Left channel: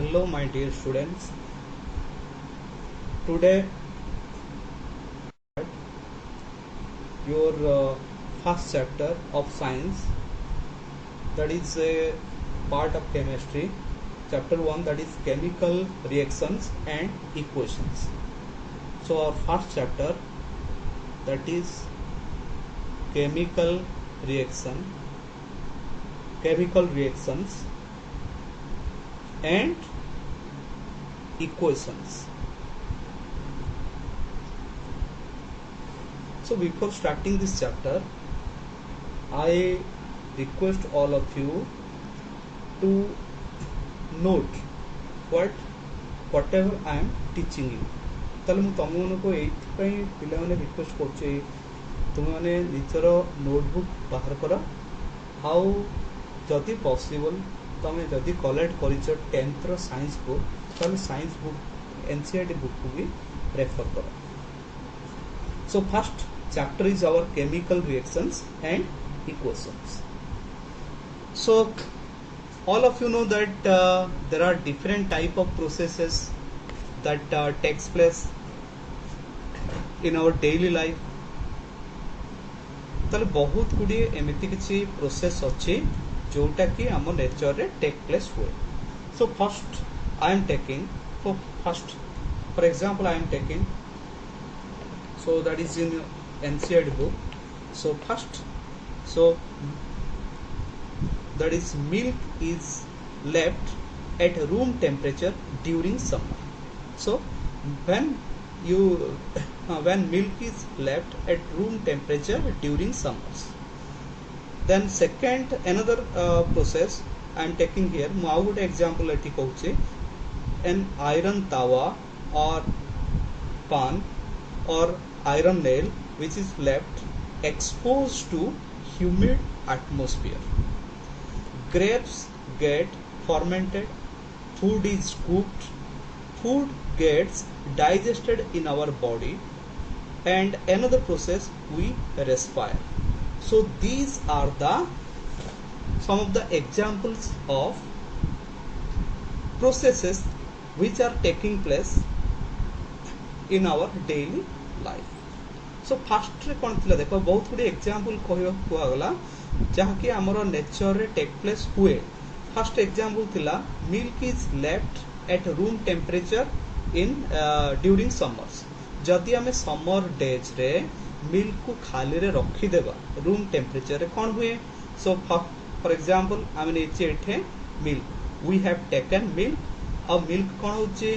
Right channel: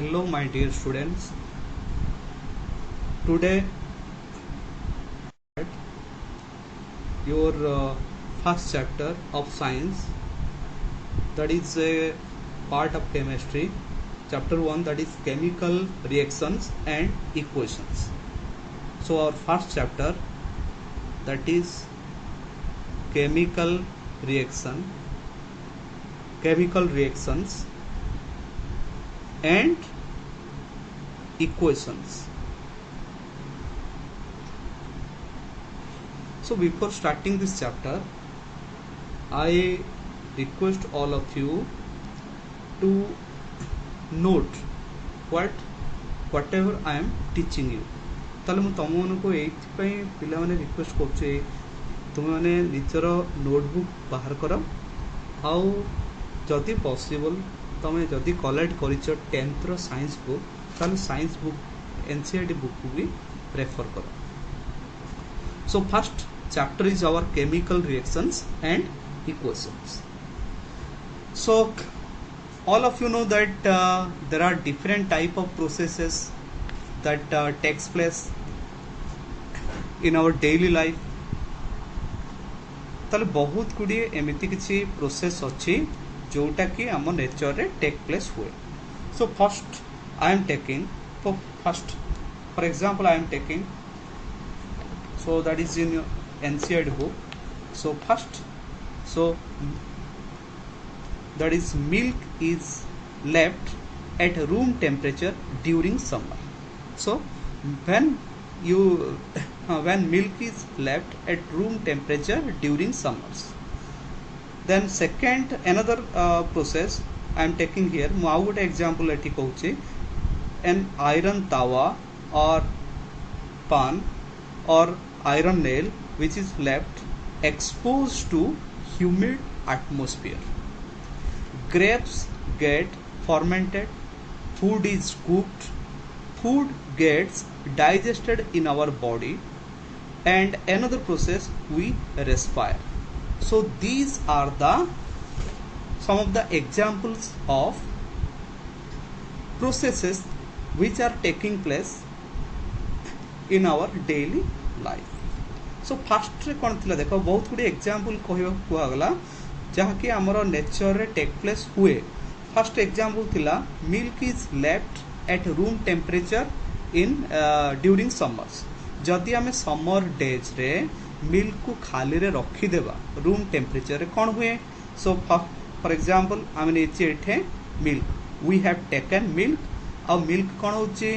Hello my dear students. Today your first chapter of science, that is a part of chemistry. Chapter 1, that is chemical reactions and equations. So our first chapter, that is chemical reactions and equations. So before starting this chapter, I request all of you to note whatever I am teaching you. ताले मु तुम मन को एइथि पिला माने request करछे तुम माने निजर नोटबुक बाहर कर आउ जदि पॉसिबल तुम जदि कलेक्ट करिछ 10th रो साइंस बुक ताले साइंस बुक एनसीईआरटी बुक को भी रेफर कर. So first chapter is our chemical reactions and equations. So all of you know that there are different type of processes that takes place in our daily life. ताले बहुत गुडी एमिति किछि process अछि जोटा कि हम नेचर रे टेक प्लेस हुए. So first I am taking, so first for example I am taking, so that is in NCERT book. So first, so that is milk is left at room temperature during summer. So when milk is left at room temperature during summers, then second another process I am taking here. Mu au gote example eti कहूचे, an iron tawa or pan or iron nail which is left exposed to humid atmosphere. Grapes get fermented, food is cooked, food gets digested in our body, and another process we respire. So these are the some of the examples of processes which are taking place in our daily life. So first रे कोन थिला देखो बहुत गुडी example कहयो कुआ गला जहा कि हमरो nature रे टेक प्लेस हुए. फर्स्ट एग्जांपल थिला milk is left at room temperature in during summers. जदि हमें समर डेज रे मिल्क को खाली रे रखी देबा रूम टेम्परेचर रे कोन हुए. सो फॉर एग्जांपल हम नीचे एठे milk we have taken milk और मिल्क कोन होचे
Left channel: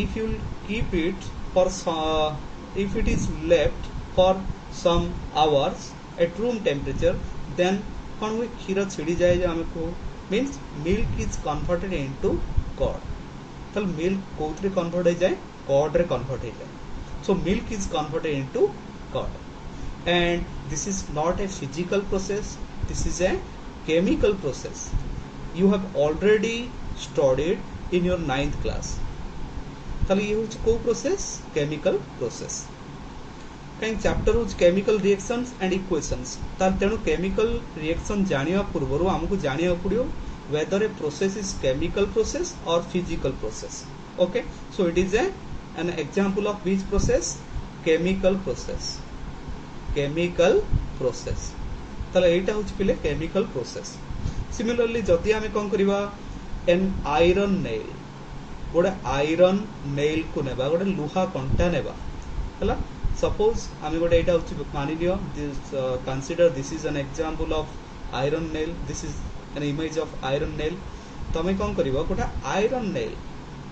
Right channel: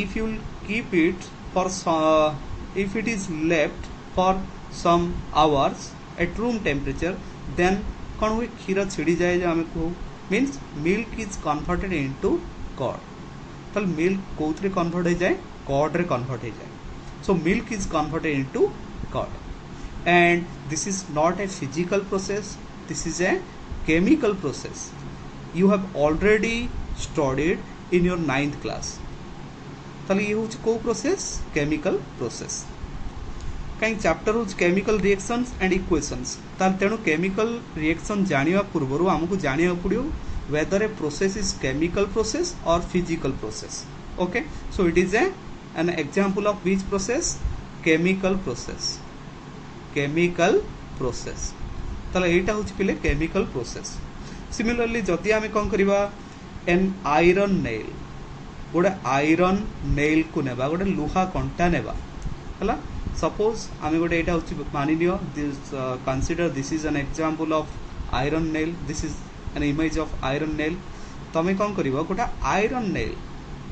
if you keep it for if it is left for some hours at room temperature, then कौन हुए क्षीर छिड़ी जाए जो हमें को means milk is converted into curd. तो मिल्क कोथरे कन्वर्ट हो जाए कर्ड रे कन्वर्ट हो जाए. So milk is converted into curd and this is not a physical process, this is a chemical process. You have already studied in your 9th class. ताले ये होच को प्रोसेस केमिकल प्रोसेस कहीं chapter होच chemical reactions and equations. ताल तेनु chemical reaction जानिवा पूर्वरु हमकु जानिया पड़ियो weather a process is chemical process or physical process. Okay, so it is an example of which process chemical process. Chemical process ताले एटा होच पिले केमिकल प्रोसेस. सिमिलरली जदि आमे कोन करिवा एन आयरन नेल गोटे आयरन नेल को नेबा गोटे लुहा कंटा नेबा हला. सपोज आमे गोटे एटा होछि मानि लियो this consider this is an example of iron nail, this is an image of iron nail. तमे कोन करिवो गोटे आयरन नेल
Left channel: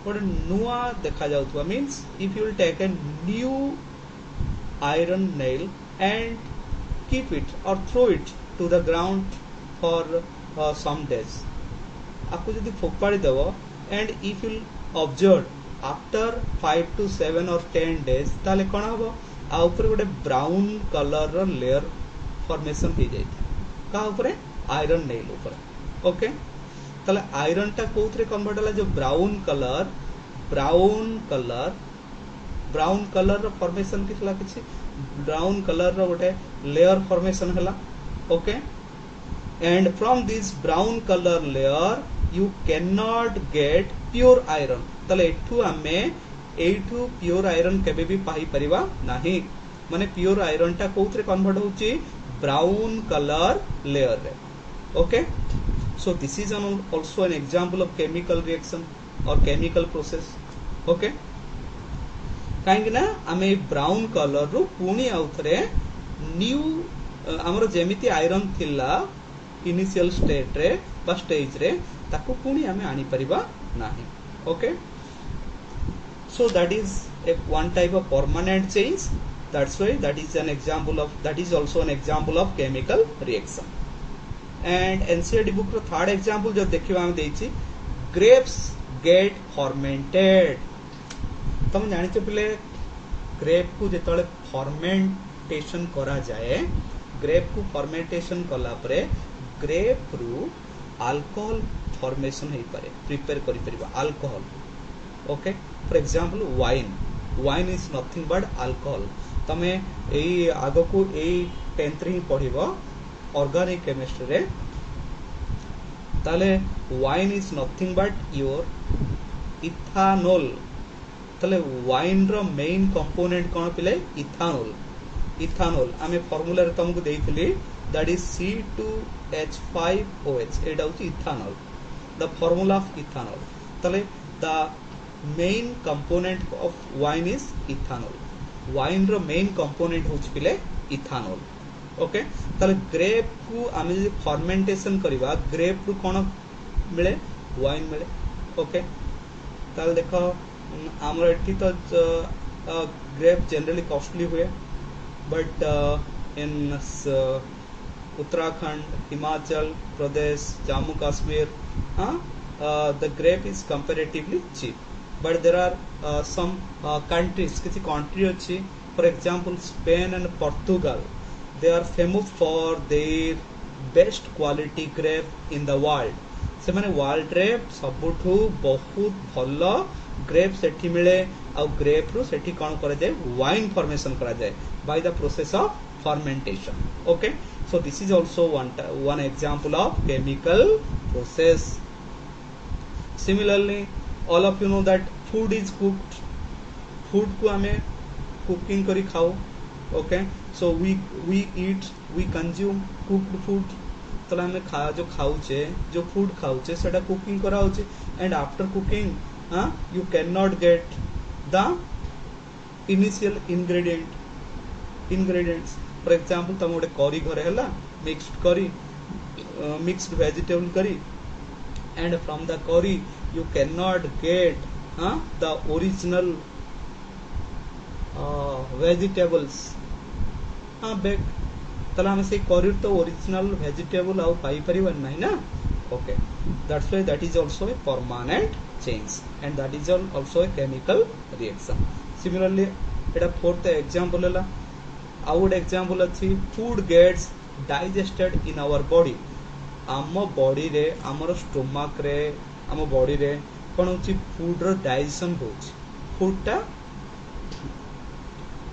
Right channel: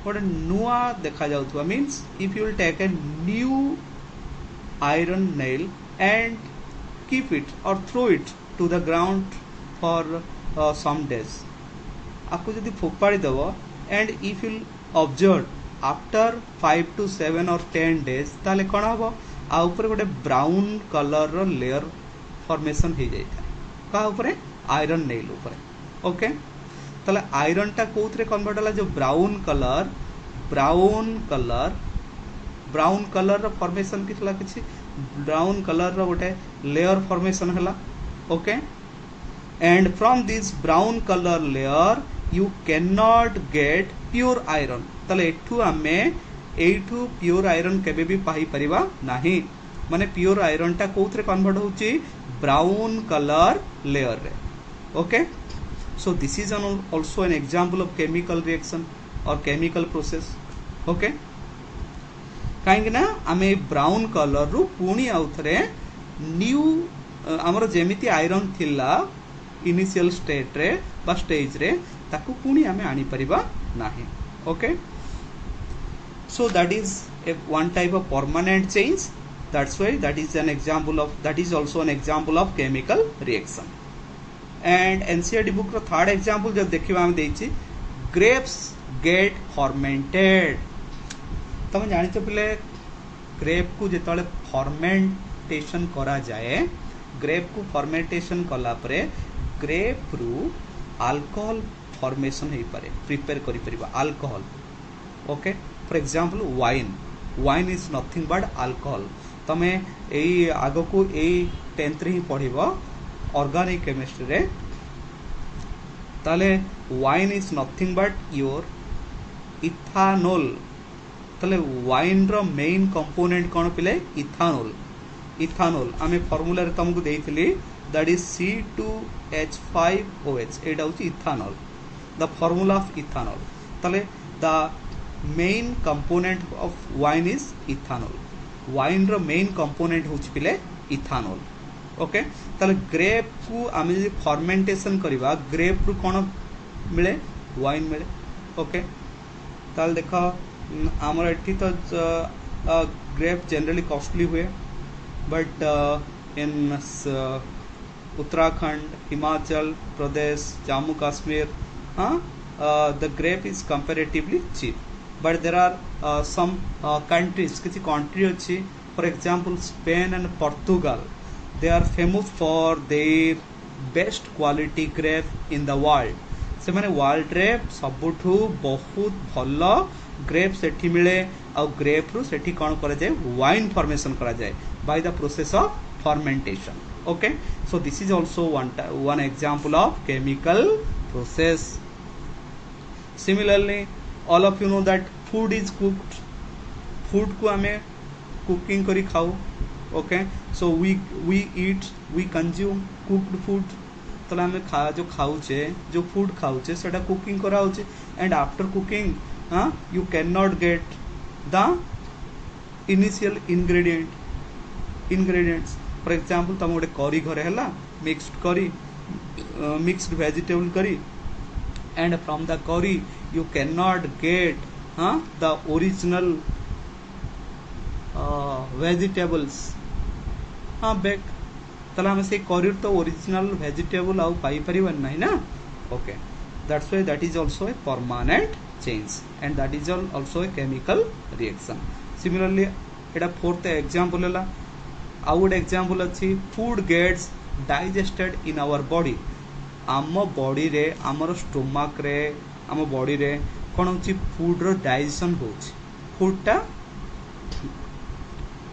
गोटे नुआ देखा जाउथबा means if you will take a new iron nail and keep it or throw it to the ground for some days. आपको जदि फोपाड़ी देबो and if you observed after 5 to 7 or 10 days ताले कौन हम आ ऊपर गोटे ब्राउन कलर रो layer formation हो जाए का ऊपर आयरन नेल ऊपर. ओके, ताले आयरन टा कोथरे कन्वर्ट होला जो ब्राउन कलर रो फॉर्मेशन कितला किछि ब्राउन कलर रो गोटे लेयर फॉर्मेशन होला. Okay, and from this brown color layer you cannot get pure iron ताले एठू आमे एठू pure iron केबे भी पाई परिबा नाही माने pure iron टा कोथरे कन्वर्ट होची brown color layer रे okay so this is also an example of chemical reaction or chemical process okay काहेकि ना आमे ब्राउन कलर रु पुणी आउथरे न्यू हमर जेमिति आयरन थिला इनिशियल स्टेट रे बा स्टेज रे ताकू पुणी आमे आनी परिबा नाही okay so that is a one type of permanent change that's why that is an example of that is also an example of chemical reaction and NCERT book रो third example जो देखिबा हम देछि grapes get fermented तुम जानिते पिले grep को जेतले fermentation करा जाए ग्रेप को फर्मेंटेशन कला परे ग्रेप रु अल्कोहल फॉर्मेशन हेई पारे प्रिपेयर करि परिबा alcohol okay for example wine is nothing but alcohol तमे एई आगो को एई 10th रे पढिबो ऑर्गेनिक केमिस्ट्री रे ताले wine is nothing but your ethanol ताले वाइन रो मेन कंपोनेंट कोन पिले इथानॉल आमे फार्मूला रे तुमको देइथिली दैट इज C2H5OH एटा होची ethanol the formula of ethanol ताले the main component of wine is ethanol wine रो मेन कंपोनेंट होची पिले इथानॉल ओके ताले ग्रेप को आमे जे फर्मेंटेशन करबा ग्रेप रु कोन मिले वाइन मिले ओके ताले देखो आमर एठी तो ग्रेप जनरली कॉस्टली हुए but in Uttarakhand Himachal Pradesh Jammu Kashmir the grape is comparatively cheap but there are some countries किसी कंट्री अच्छी for example Spain and Portugal they are famous for their best quality grape in the world से माने world रे सबुठू बहुत भलो grep सेठी मिले और grep रु सेठी कौन करा जाए वाइन फॉर्मेशन करा जाए by the process of fermentation okay so this is also one example of chemical process similarly all of you know that food is cooked food को हमें कुकिंग करी खाओ okay so we eat we consume cooked food तो हमें जो खाऊचे जो food खाऊचे सेटा cooking करा होचे and after cooking you cannot get the initial ingredients for example तुम गोटे करी घरे हला mixed vegetable curry and from the curry you cannot get the original vegetables baked तला हम से करी तो ओरिजिनल वेजिटेबल आउ पाई परिबन नाही ना okay that's why that is also a permanent change and that is also a chemical reaction similarly एटा fourth example हला आउट एग्जांपल अछि food gets digested in our body आम बॉडी रे हमर स्टोमक रे आम बॉडी रे कोन होछि फूड रो डाइजेशन होछि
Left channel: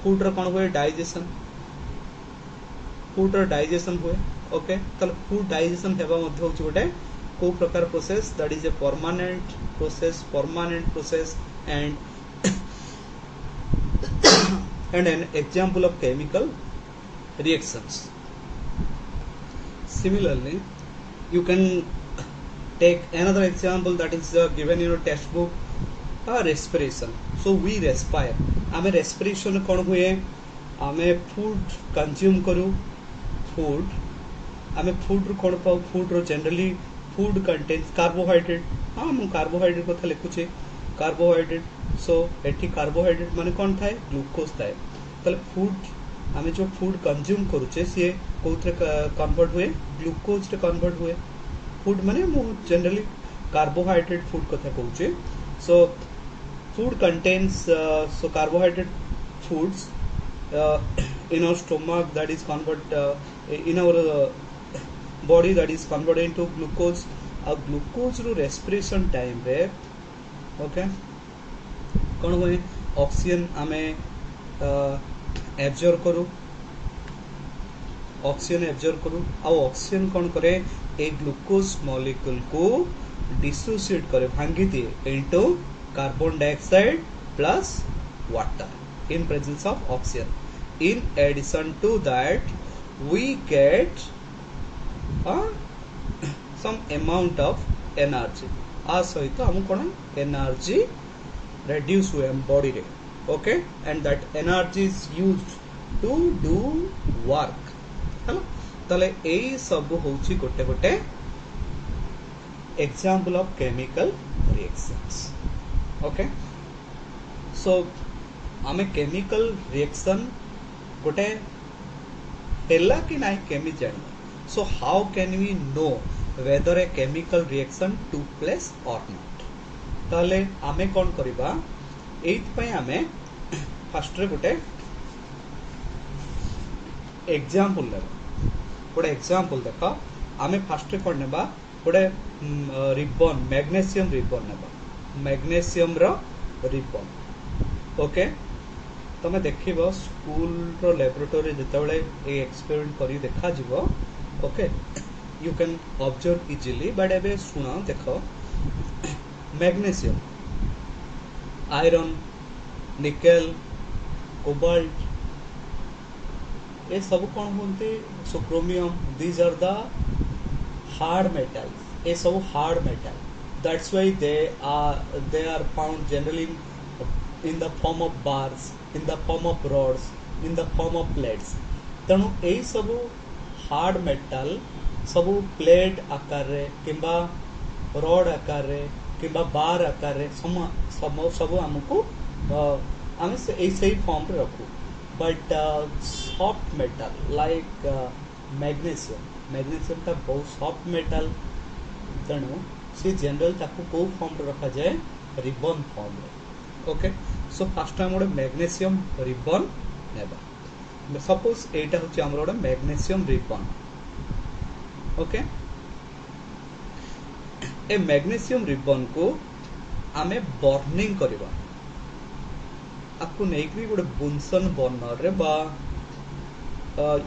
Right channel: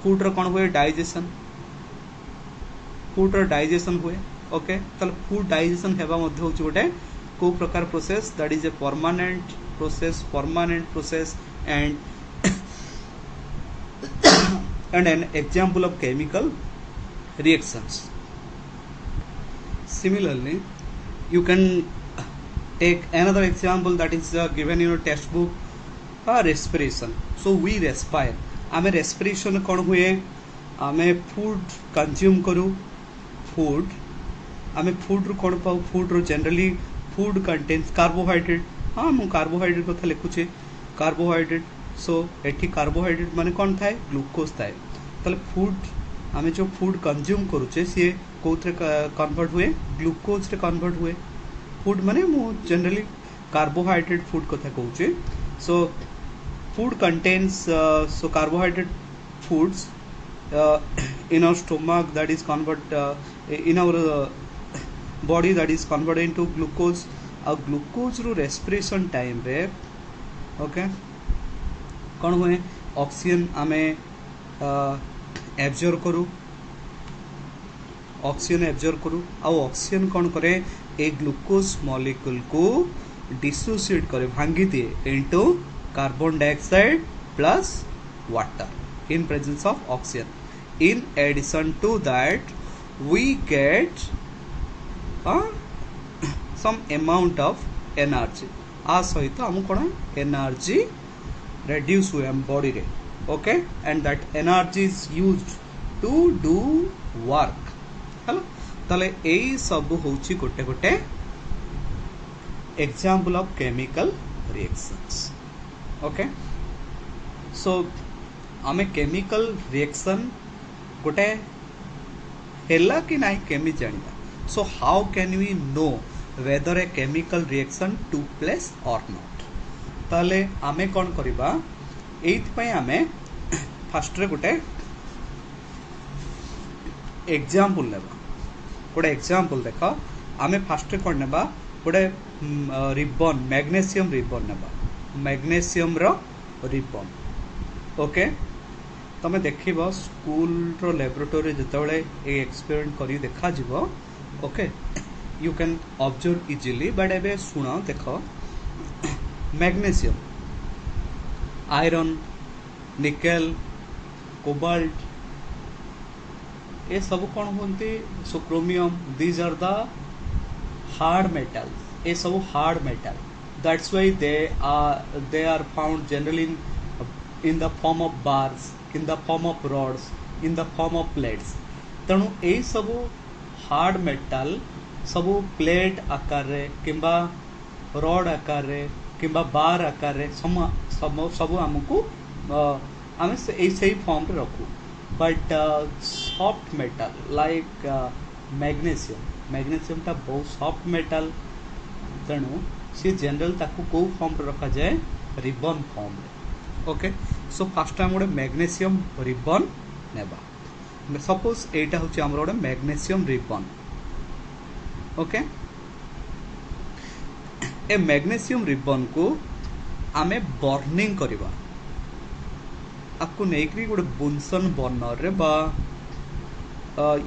फूड रो कोन होय डाइजेशन हुए ओके तल फूड डाइजेशन हेबा मध्ये होछि गोटे को प्रकार process that is a permanent process and and an example of chemical reactions similarly you can take another example that is given in your textbook respiration so we respire ame respiration kon हुए ame food consume करू ame food ru kon पाऊ food रो generally food contains carbohydrate मु carbohydrate कथा लिखुचे carbohydrate सो एठी carbohydrate माने कोन थाए glucose थाए तले फूड आमे जो फूड कंज्यूम करूचे से कोथरे कन्वर्ट हुए ग्लूकोज रे कन्वर्ट हुए फूड माने मु जनरली कार्बोहाइड्रेट फूड कथा कहूचे so food contains so carbohydrate foods in our stomach that is convert in our body that is converted into glucose glucose रो रेस्पिरेशन टाइम रे ओके कोन हुए ऑक्सीजन आमे एब्जॉर्ब करू ऑक्सीजन कोन करे ए ग्लूकोज मॉलिक्यूल को डिसोसिएट करे भांगी दिए into carbon dioxide plus water in presence of oxygen in addition to that we get some amount of energy आ सहित हम कोन एनर्जी reduce हुए हम बॉडी रे okay and that energy is used to do work हला तले एई सब होची गोटे गोटे example of chemical reactions okay so आमे केमिकल रिएक्शन गोटे हेला कि नाही केमी जानिबा so how can we know whether a chemical reaction took place or not ताले आमे कोन करिबा एइथ पय आमे फर्स्ट रे गोटे एग्जांपल लेबा गोटे एग्जांपल देखो आमे फर्स्ट रे कोन नेबा गोटे रिबन मैग्नीशियम रिबन नेबा मैग्नीशियम रो रिबन ओके तमे देखिबो स्कूल रो लैबोरेटरी जेतेबेले ए एक्सपेरिमेंट करी देखा जिवो okay you can observe easily but एबे सुना देखो मैग्नीशियम आयरन निकेल कोबाल्ट ये सब कौन होते so chromium these are the hard metal ये सब hard metal that's why they are found generally in the form of bars in the form of rods in the form of plates तेणु यही सब hard metal सब plate आकार रे किंबा rod आकार रे किंबा बार आकार रे सब हमको आमे से फॉर्म रे रखू but soft metal like magnesium टा बहुत सॉफ्ट मेटल तेणु सी जनरल ताकू को फॉर्म रे रखा जाए रिबन फॉर्म रे ओके सो फर्स्ट टाइम गोटे मैग्नीशियम रिबन नेबा सपोज एटा होची हमर गोटे मैग्नीशियम रिबन ओके ए मैग्नीशियम रिबन को आमे बर्निंग करबा आपको नेकरी गोटे बुनसन बर्नर रे बा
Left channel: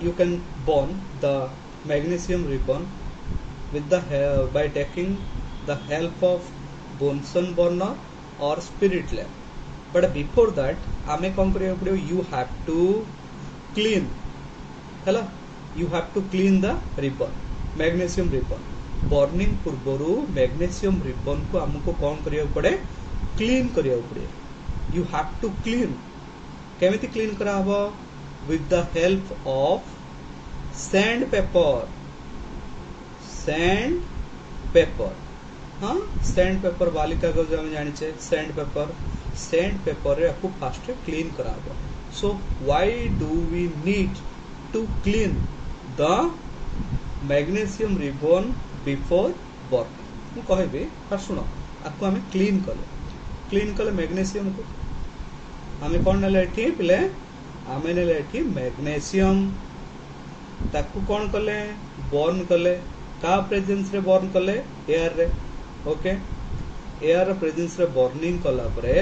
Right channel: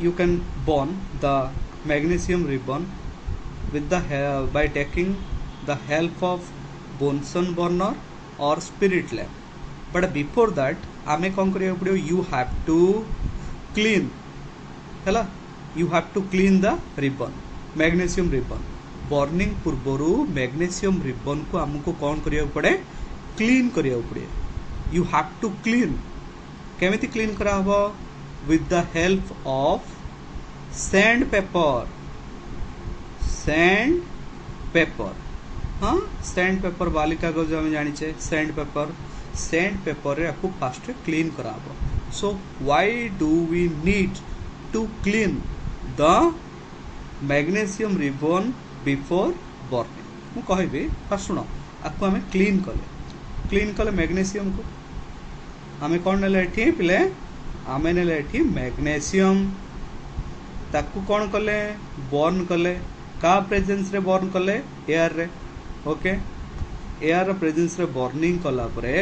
you can burn the magnesium ribbon with the by taking the help of Bunsen burner or spirit lamp. But before that आमे कौन करिया पड़े you have to clean हैला you have to clean the ribbon magnesium ribbon burning पूर्वरु magnesium ribbon को हमको कौन करिया पड़े clean करिया पड़े you have to clean केमिति clean करा हबो with the help of sandpaper हाँ सैंडपेपर वाली कागज हम जानी छे सैंडपेपर रे आपको फास्ट क्लीन कराबो so why do we need to clean the magnesium ribbon before burning मु कहबे फर्स्ट सुनो आपको हमें क्लीन कले मैग्नीशियम को हमें कौन नेले एठी पिले हमें नेले एठी मैग्नीशियम ताकू कौन कले बर्न कले का प्रेजेंस रे बर्न कले एयर रे ओके एयर प्रेजेंस रे बर्निंग कला परे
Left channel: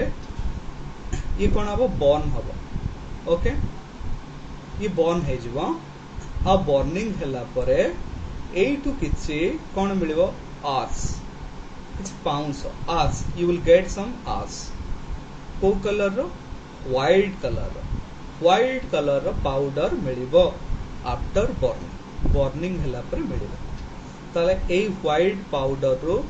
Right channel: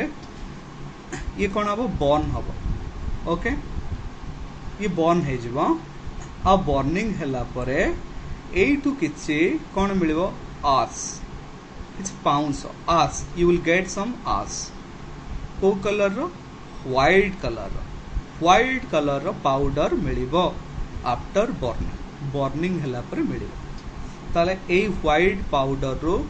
ये कौन हबो बर्न हबो ओके ये बर्न हे जिवो आ बर्निंग हैला परे एटू किछि कौन मिलबो as its pounds as you will get some ash को कलर रो व्हाइट कलर रो पाउडर मिलिबो आफ्टर बर्निंग हैला परे मिलिबो ताले ए व्हाइट पाउडर रो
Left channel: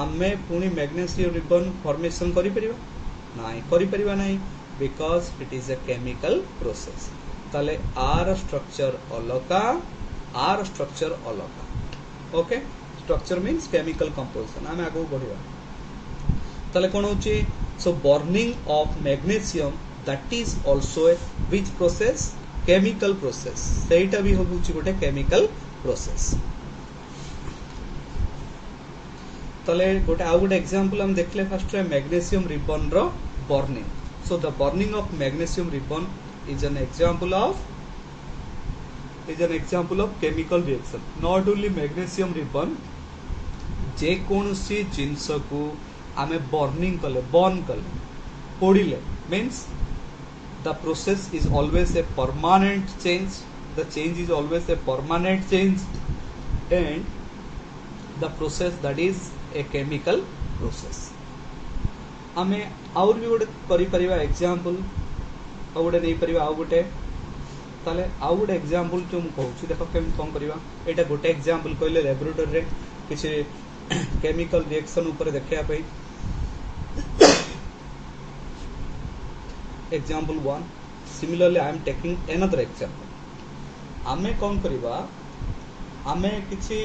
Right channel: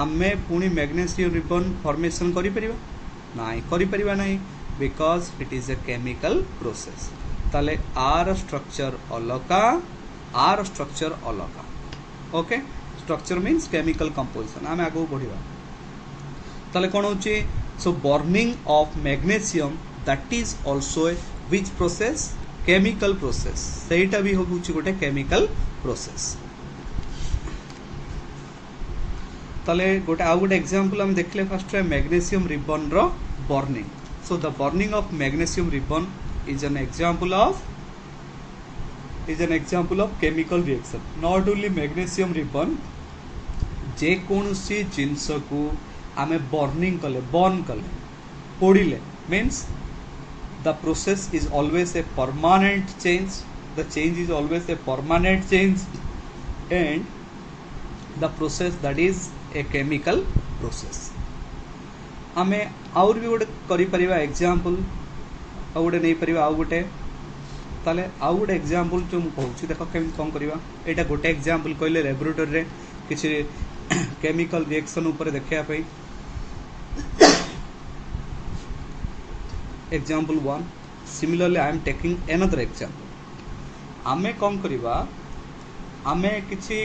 आमे पुनी मैग्नीशियम रिबन फॉर्मेशन करि परिबा नाही because it is a chemical process ताले आर स्ट्रक्चर अलगा okay structure means chemical composition आमे आगो बढ़िबा ताले कोन होची so burning of magnesium that is also a which process chemical process सेटा भी होबुची गोटे केमिकल प्रोसेस तले गोटे आउ गोटे एग्जांपल हम देखले फर्स्ट मैग्नीशियम रिबन रो burning so the burning of magnesium ribbon is an example of chemical reaction not only magnesium ribbon जे कोनसी जिंस को आमे बर्निंग बर्न कले पोड़िले means the process is always a permanent change the change is always a permanent change and the process that is a chemical process आमे और भी गोटे करि परिबा एग्जांपल आ गोटे नै परिबा आ गोटे ताले आ गोटे एग्जांपल जो मु कहूची देखो केम कोन करिवा एटा गोटे एग्जांपल कहले लैबोरेटरी रे किछि केमिकल रिएक्शन ऊपर देखिया पई example 1 similarly I am taking another example आमे कोन करिवा आमे किछि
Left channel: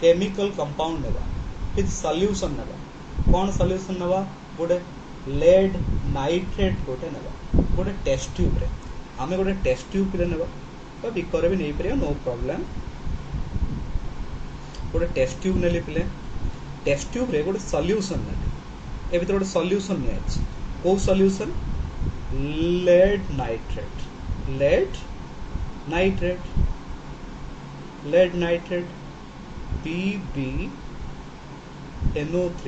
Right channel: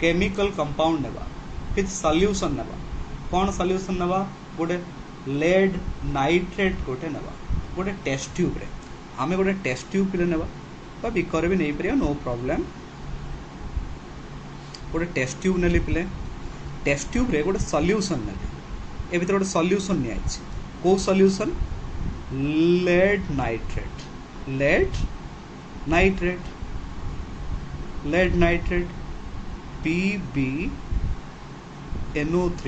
केमिकल कंपाउंड नेबा किछि सॉल्यूशन नेबा कोन सॉल्यूशन नेबा गोटे लेड नाइट्रेट गोटे नेबा गोटे टेस्ट ट्यूब रे आमे गोटे टेस्ट ट्यूब रे नेबा बा बिकर भी नै परिया नो प्रॉब्लम गोटे टेस्ट ट्यूब नेली पिले टेस्ट ट्यूब रे गोटे सॉल्यूशन नेली ए भीतर गोटे सॉल्यूशन नि आछि को solution lead nitrate PbNO3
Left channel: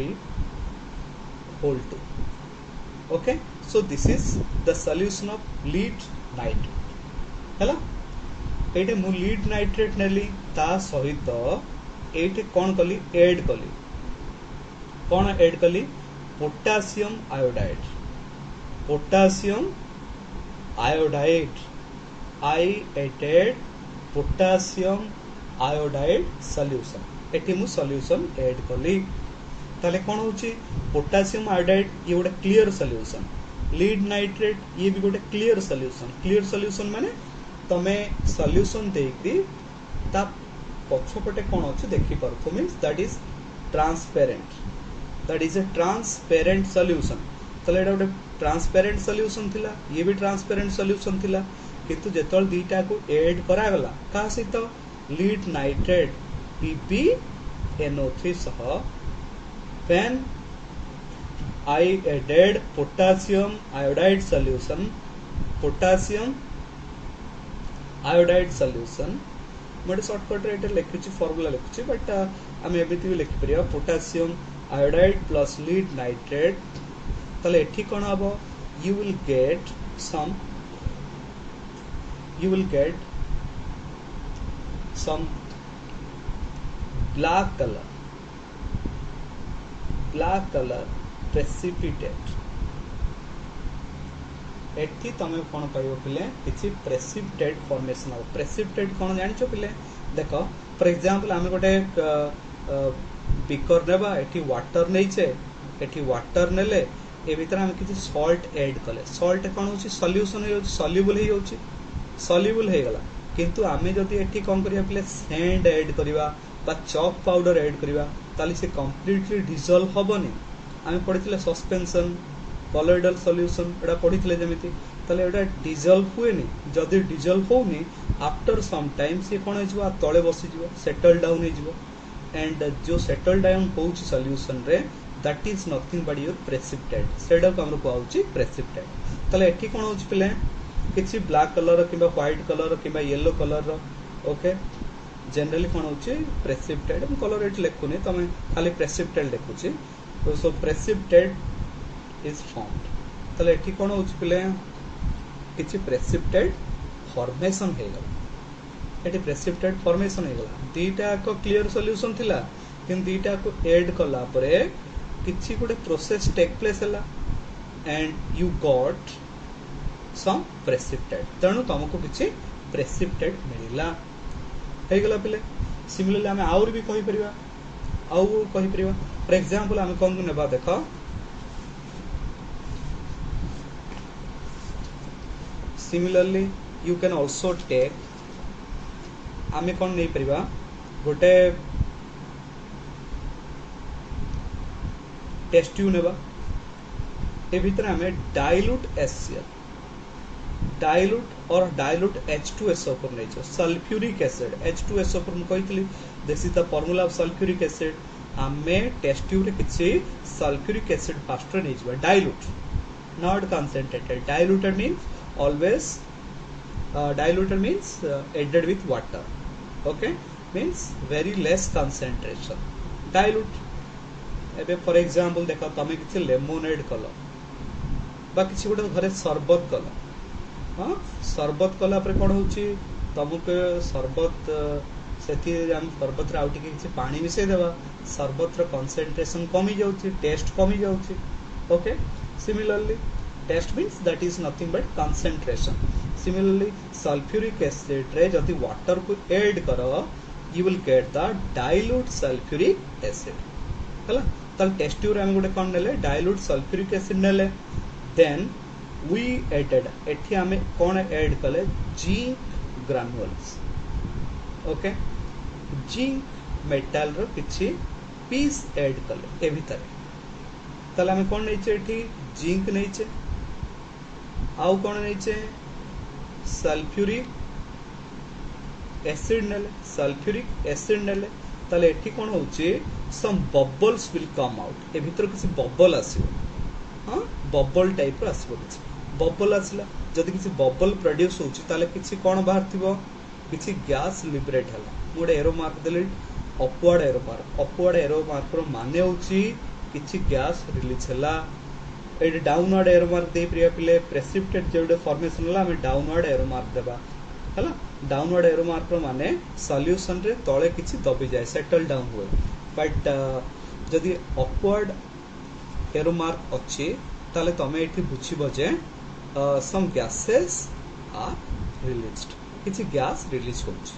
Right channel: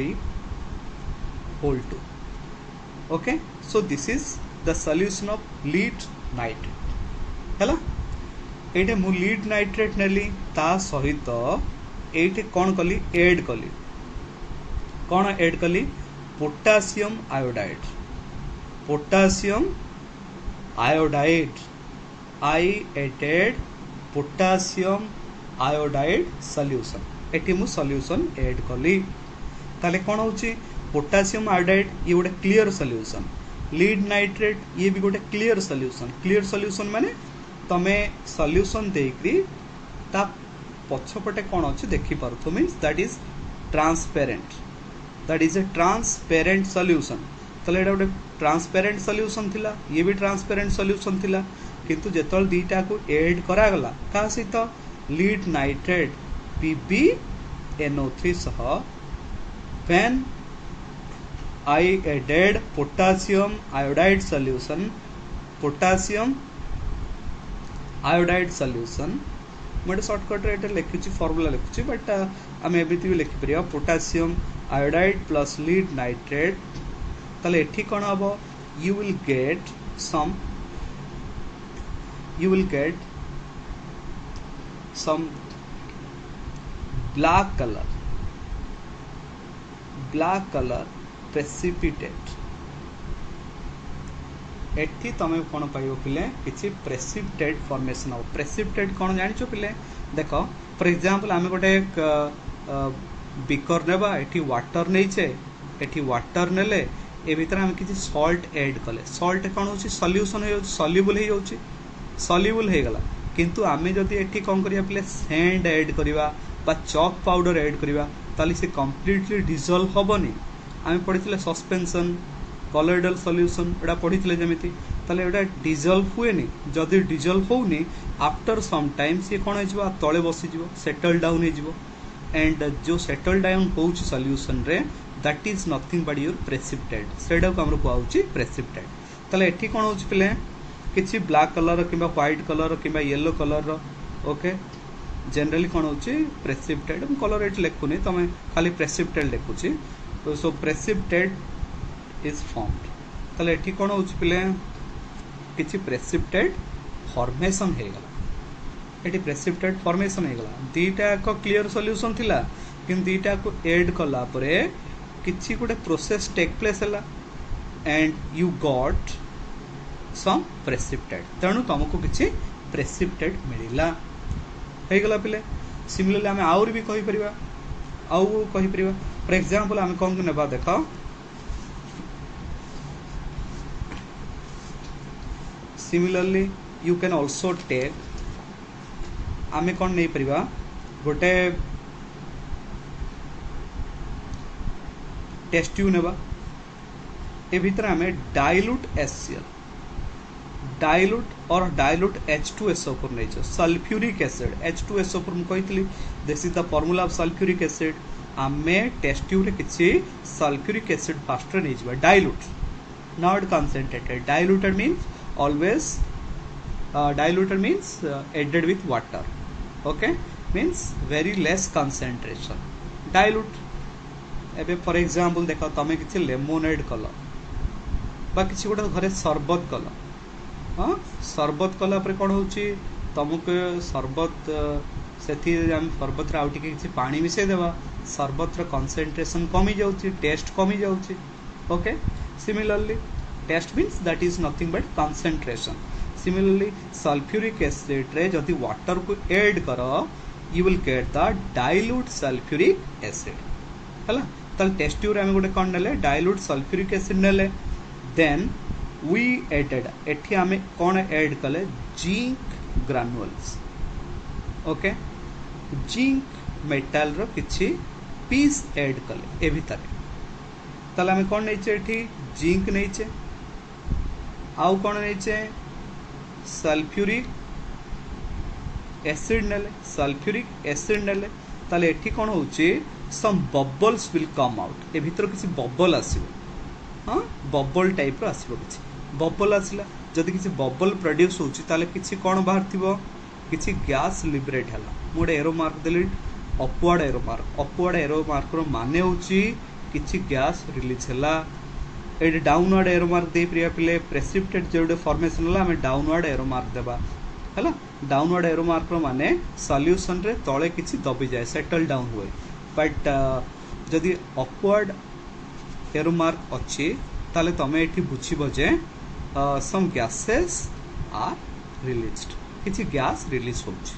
whole 2 okay so this is the solution of lead nitrate हैला एटे मु लीड नाइट्रेट नेली ता सहित एटे कोन कली ऐड कली कोन ऐड कली potassium iodide I added potassium iodide solution eighty मु सॉल्यूशन ऐड कली ताले कोन होची पोटेशियम आयोडाइड ये गोटे क्लियर सॉल्यूशन लीड नाइट्रेट ये भी गोटे क्लियर सॉल्यूशन माने तमे सॉल्यूशन देकरी ता पछपटे कोन अछि देखि परथो means that is transparent solution तले एटा गोटे ट्रांसपेरेंट सॉल्यूशन थिला ये भी ट्रांसपेरेंट सॉल्यूशन थिला किंतु जेतल दीटा को ऐड करा गला का सहित लीड नाइट्रेट PbNO3 सह when I added potassium iodide solution मोटे शॉर्टकट रे एटा लिखिछि फार्मूला लिखिछि बट हम एबिति लिखि परिया potassium iodide plus lead nitrate ताले एठी कोन हबो you will get some black color precipitate एठी तमे कोन पाइबो पिले किछि प्रेसिपिटेट फॉर्मेशन हो प्रेसिपिटेट कोन जानिछो पिले देखो फॉर एग्जांपल आमे गोटे बिकर नेबा एठी वाटर नेइछे एठी वाटर नेले ए भीतर हम किछि सॉल्ट ऐड कले सॉल्ट कोन होछि सॉल्यूशन हो सॉल्युबल हे गला किंतु आमे जदी एठी कोन करिया पिले सैंड ऐड करिवा बा चॉक पाउडर ऐड करिवा ताली से कंप्लीटली डिसॉल्व होबनी आमे पढितले सस्पेंशन कॉलोइडल सॉल्यूशन एडा पढितले जेमिति ताले एडा डिसॉल्व हुएनी जदी डिसॉल्व होउनी आफ्टर सम टाइम से कोन होइजबो तळे बसि जिवो सेटल डाउन हे जिवो एंड जो सेटल डाउन होउची सॉल्यूशन रे that is nothing but your precipitate सेडा को हमरो कहउची प्रेसिपिटेट ताले एठी कोन होउची पिले किछि ब्लैक कलर किबा व्हाइट कलर किबा येलो कलर ओके जनरली कोन होउची प्रेसिपिटेट हम कलर एट लेखुनी तमे खाली प्रेसिपिटेट लेखुची तो सो प्रेसिपिटेट is formed ताले एठी कोन होउची पिले किछि प्रेसिपिटेट फॉर्मेशन हे गला एठी प्रेसिपिटेट फॉर्मेशन हे गला दीटा को क्लियर सॉल्यूशन थिला किन दीटा को ऐड करला परे किछि गोटे प्रोसेस टेक प्लेस हला and you got some precipitate तणु तुमको किछि प्रेसिपिटेट मिलिला हे गला पिले सिमिलरली हमें और भी कहि परिबा फॉर एग्जांपल हम कोन नेबा देखो Similarly, you can also take आमे कौन नहीं परिवा गोटे टेस्ट ट्यूब नेबा ए भीतर आमे डाइल्यूट H2SO4 नै छ सल्फ्यूरिक एसिड H2SO4 म कहितली this is the formula of sulphuric acid आमे टेस्ट ट्यूब रे किछि सल्फ्यूरिक एसिड फास्ट नै छ dilute not concentrated diluted means always diluted means added with water okay means very less concentration dilute एबे for example देखो तमे किछि lemonade कलो बा किछि गोटे घरे शरबत कलो हां शरबत कला पर कोन होची तमको शरबत सेथि हम शरबत रे आउटी किछि पानी मिसे देबा सरबत कंसंट्रेशन कमी जाउची, टेस्ट कमी जाउची. Okay, similarly taste means that is nothing but concentration. Similarly sulphuric acid रे जदि वाटर को ऐड करो you will get the dilute sulphuric acid. हला ताल टेस्ट ट्यूब रे हम गोटे कोन नेले डाइल्यूट सल्फ्यूरिक एसिड नेले. देन वी एडेड एठी हमें कोन ऐड कले zinc granules. Okay, zinc metal रो किछि पीस ऐड कले ए भितर. ताले हम कोन नैचे एठी जिंक नैचे, आउ कोन नैचे सल्फ्यूरिक एसिड नेले, सल्फ्यूरिक एसिड नेले. ताले एठी कोन होउची सम बबल्स विल कम आउट. ए भितर किछि बबल आसीबो. हां, बबल टाइप रो आसीबो. किछि बबल आसला जदि किछि बबल प्रोड्यूस होउची ताले किछि कोन बाहर थिबो, किछि गैस लिबरेट हला. मोडे एरो मार्क देले upward arrow mark. Upward arrow mark रो माने होउची किछि गैस रिलीज हला. एडे डाउनवर्ड एरो मार्क दे प्रिया पिले प्रेसिपिटेट जेडे फॉर्मेशन हला हमें डाउनवर्ड एरो मार्क देबा. हला डाउनवर्ड एरो मार्क रो माने सॉल्यूशन रे तळे किछि दबी जाय, सेटल डाउन होय. बट जदि अपवर्ड एरो मार्क अछि ताले तमे एठी बुझिबो जे सम गैसेस आर रिलीज्ड, किछि गैस रिलीज होछि.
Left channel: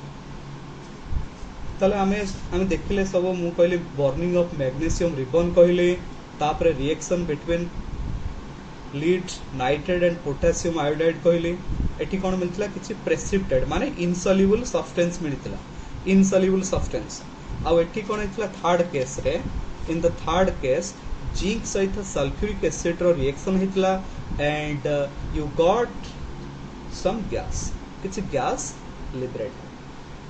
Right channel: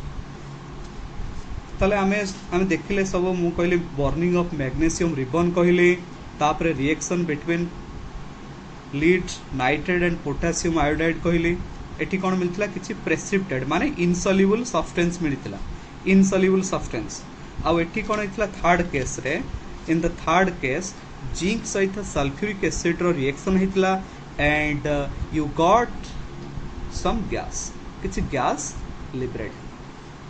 ताले हमें देखिले सब मु कहली बर्निंग ऑफ मैग्नीशियम रिबन कहली. तापरे reaction between lead nitrate and potassium iodide कहली. एठी कोन मिलथिला किछि प्रेसिपिटेट माने इनसॉल्युबल सब्सटेंस मिलिथिला, इनसॉल्युबल सब्सटेंस. आ एठी कोन हितला थर्ड केस रे, in the third case zinc सहित सल्फ्यूरिक एसिड रो रिएक्शन हितला and you got some gas, किछि गैस लिबरेट.